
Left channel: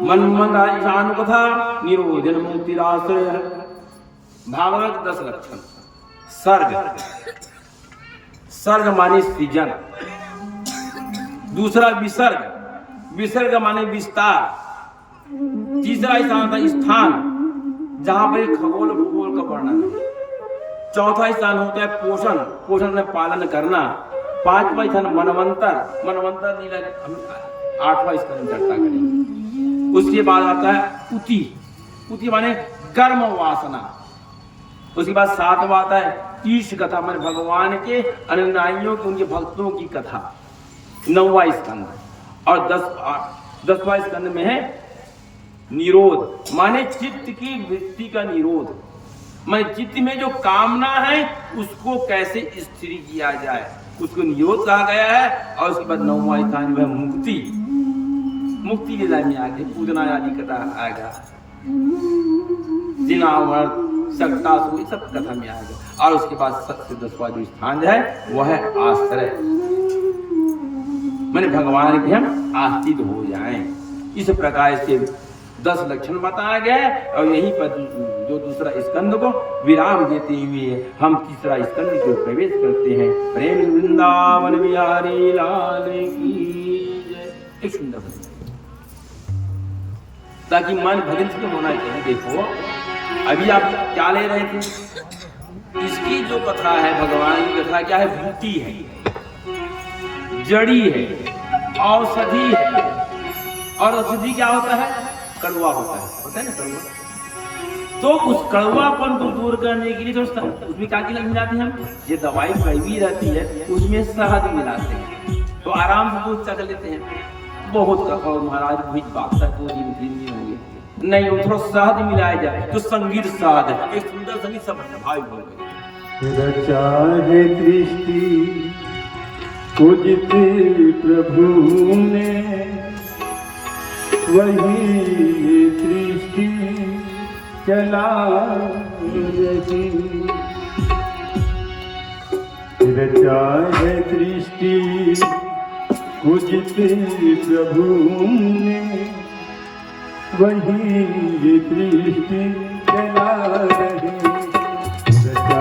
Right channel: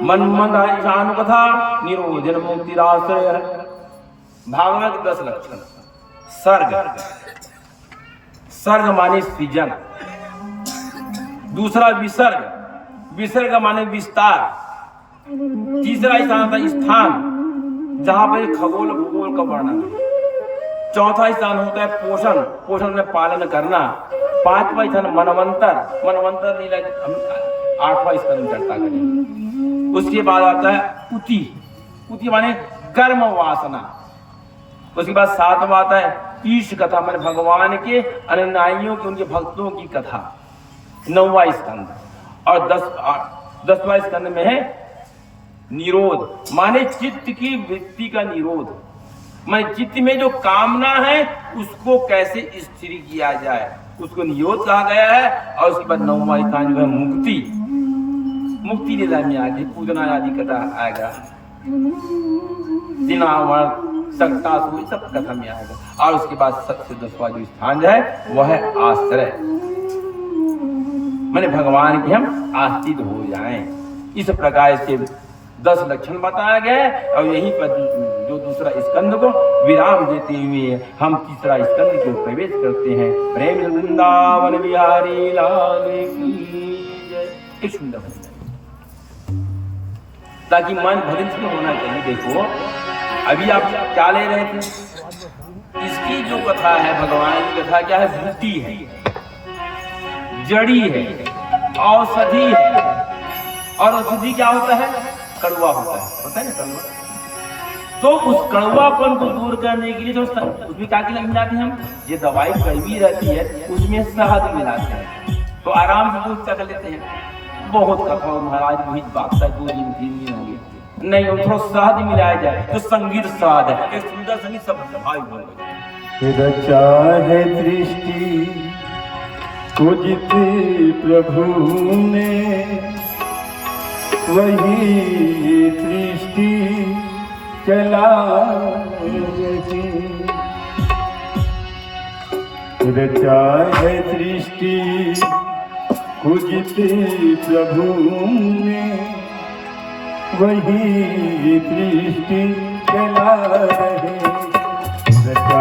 मन्मनाशान कथा निरोधन मुक्तिराश्रय। भागवत 10 लक्षण। सर्ग, सर्ग माने सृजन। दूसरा विसर्ग, विसर्ग माने विस्तार। तीसरा स्थान था स्थान, जहां पर खगोल भूगोल का वर्णन है। चौथा स्थान होता है पोषण, पोषण में पालन करना। 5वां स्थान मनवंतर, मनवंतर लीला हम 8वां स्थान चर्चा करेंगे। उसके बाद आता है उति, उति माने कर्म वासना। उसके बाद 7वां आता है ईश कथा, माने भगवान के अनुयायियों की, उनके भक्तों की कथा। 9वां स्कंद। और 10वां स्कंद में है निरोध, माने चित्त की वृत्ति का निरोध। माने चित्त में जो कामना है उसको कैसे स्थिर किया जाए, उसको निरोध कहा गया है। और उसके बाद 9वां स्थान जो है मुक्ति, मुक्ति लीला में आगे पूजना आदि कथा आएगा। जिनावर सक्तासुर सब कथा में आएगा। और उसके बाद सबसे 10वां जो स्थान है वह है आश्रय, माने भगवान के हम आश्रित हो जाएं। इस प्रकार से 10 लक्षण बताया गया। और यहीं पर जो दूसरा स्कंद को विराम देते हुए हम तीसरा स्कंद को प्रवेश करते हैं। प्रेम वृंदावन बिहारी लाल की जय। एक सुंदर भजन, ताकि मन भजन में होना चाहिए। देखो अभी आप क्या ले रहे थे? इसकी जो कथा है, भगवान की कथा क्या है? बूटी है, जड़ी है, औषधि है। और औषधि क्या होता है? कड़वा होता है ना कड़वा। तो उस कड़वापन को दूर करने के लिए तो उसमें क्या मिलाते हैं हम? ये दवाई कड़वी रहती है, उसमें शहद मिलाते हैं, तो आराम से दूध चख लेते हैं। बहुत कथा महाराज रोहित बागता 2 दिन 3 दिन हो गए, नहीं थोड़ा शहद मिलाया जाए तो संगीत शहद है, एक सुंदर संगीत सब भाई हो गए। रचा है दृष्टि कुजित प्रभु ने, वही दृष्टि चला रही। रचा है दृष्टि कुजित प्रभु ने, वही दृष्टि चला रहे। रचा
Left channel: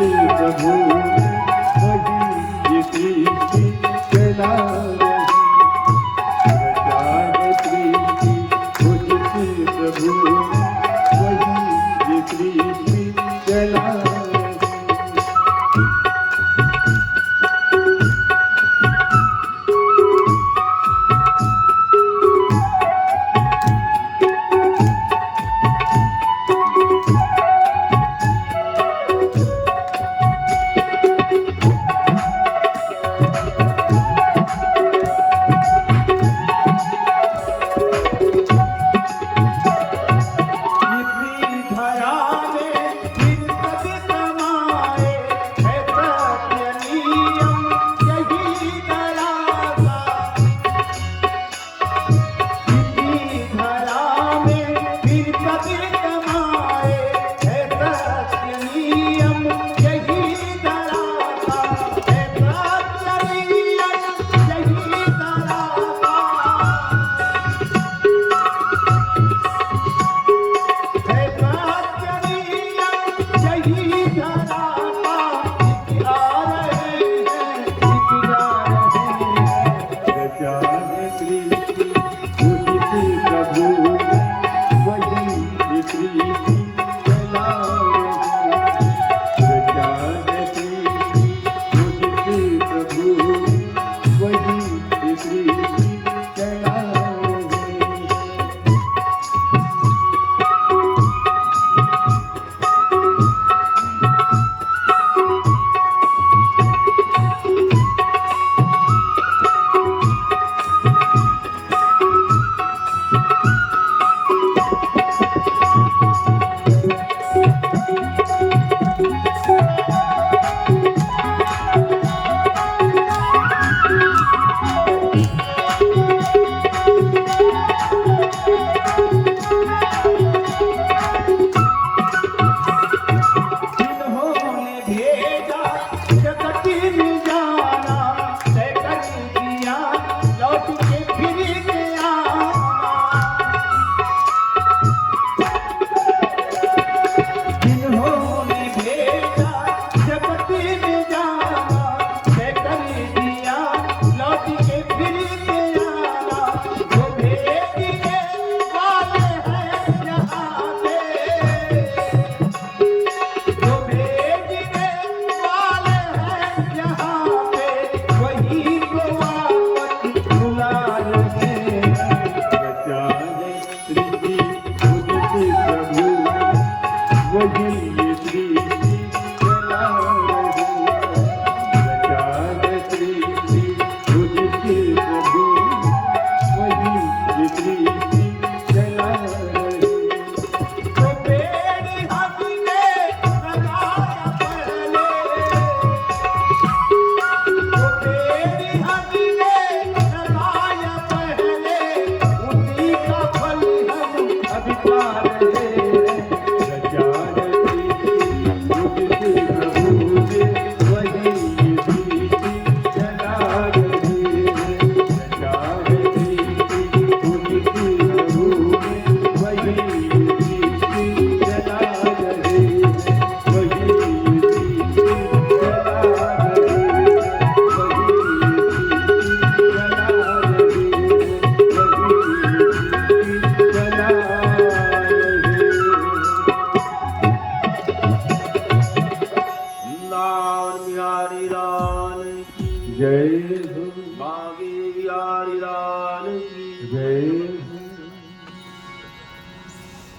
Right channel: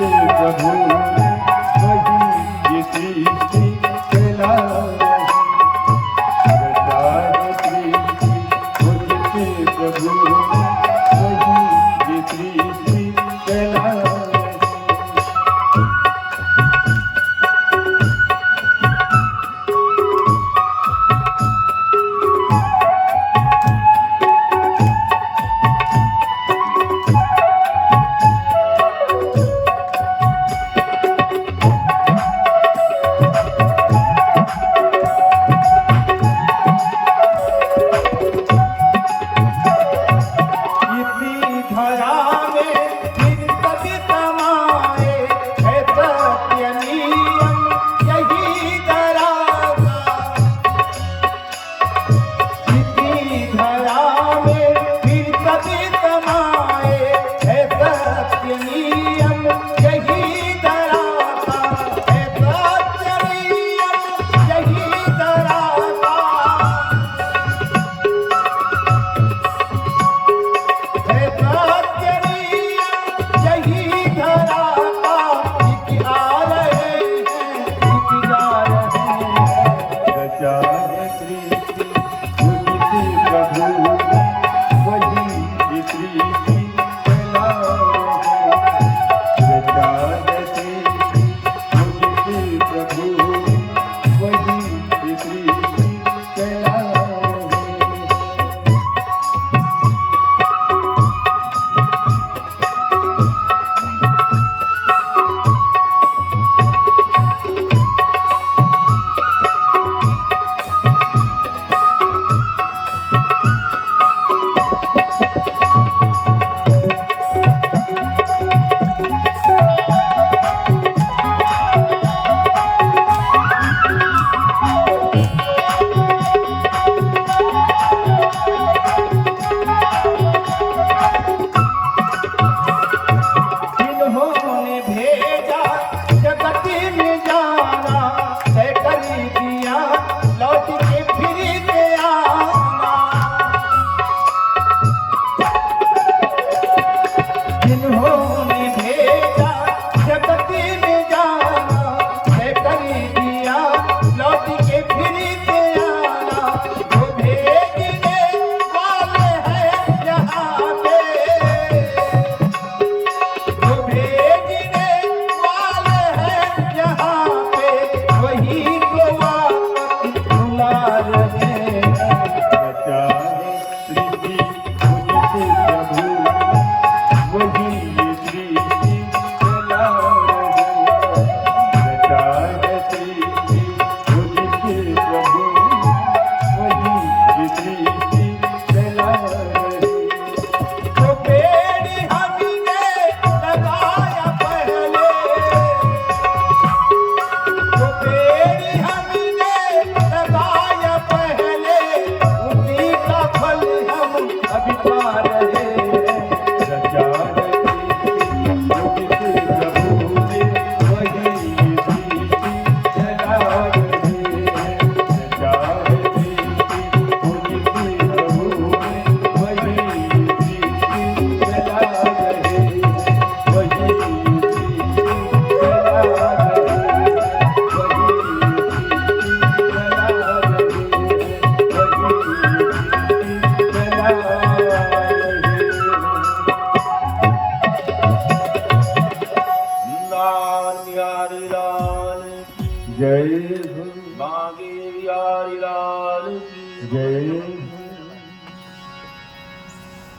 प्रभु वही ये सृष्टि चला रही। रचाए सृष्टि पूजित प्रभु वही ये सृष्टि चला रही।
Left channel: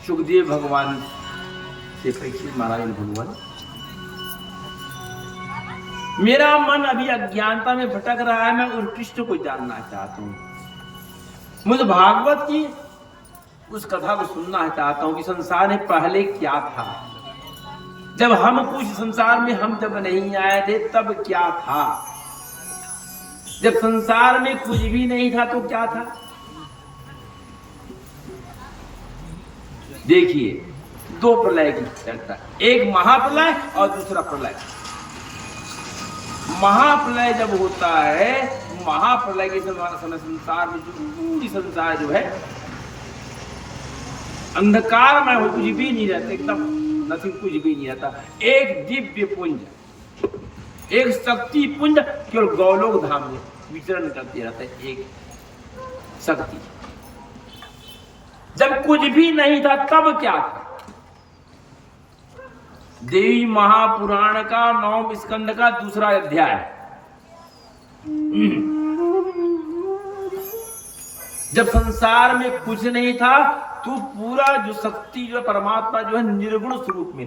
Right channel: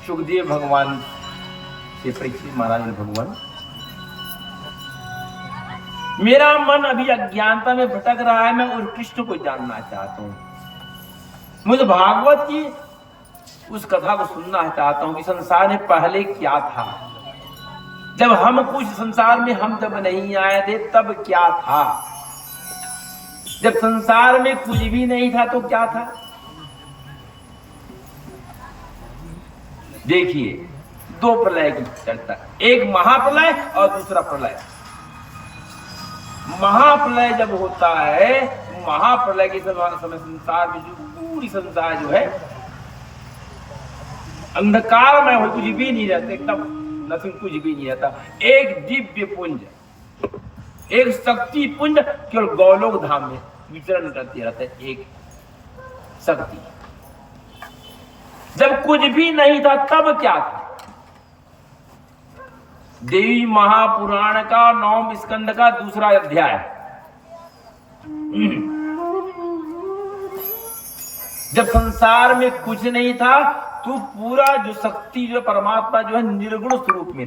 सुखदेव भगवान से परीक्षित महाराज ने भगवान, मेरा मन अभी अज्ञानता में भटक रहा है, मैं उस कृष्ण को जानना चाहता हूँ, मुझे भागवत की उस कथा को सुनना चाहता हूँ कि संसार में पहले क्या था, जब हम कुछ संसार में हम जब नहीं आए थे तब क्या था, जब संसार में कुछ भी नहीं था तो क्या था। देखिए दो प्रलय की चर्चा, एक महाप्रलय और दूसरा प्रलय। महाप्रलय जब होता है, महाप्रलय के समय संसार में जो पूरी संसार जो है अंधकार में हो, कुछ भी नहीं रहते, एकदम नथिंग, कुछ भी नहीं आता। एक दिव्य पुंज, एक शक्ति पुंज केवल गौलोक धाम में विचरण करते रहते हैं। एक शक्ति, जब कुछ भी नहीं था तब क्या था? देवी महापुराण का 9वें स्कंद का 2रा अध्याय। जब संसार में कुछ नहीं था तो पूरा जो शक्ति, जो परमात्मा जो है निर्गुण स्वरूप में था।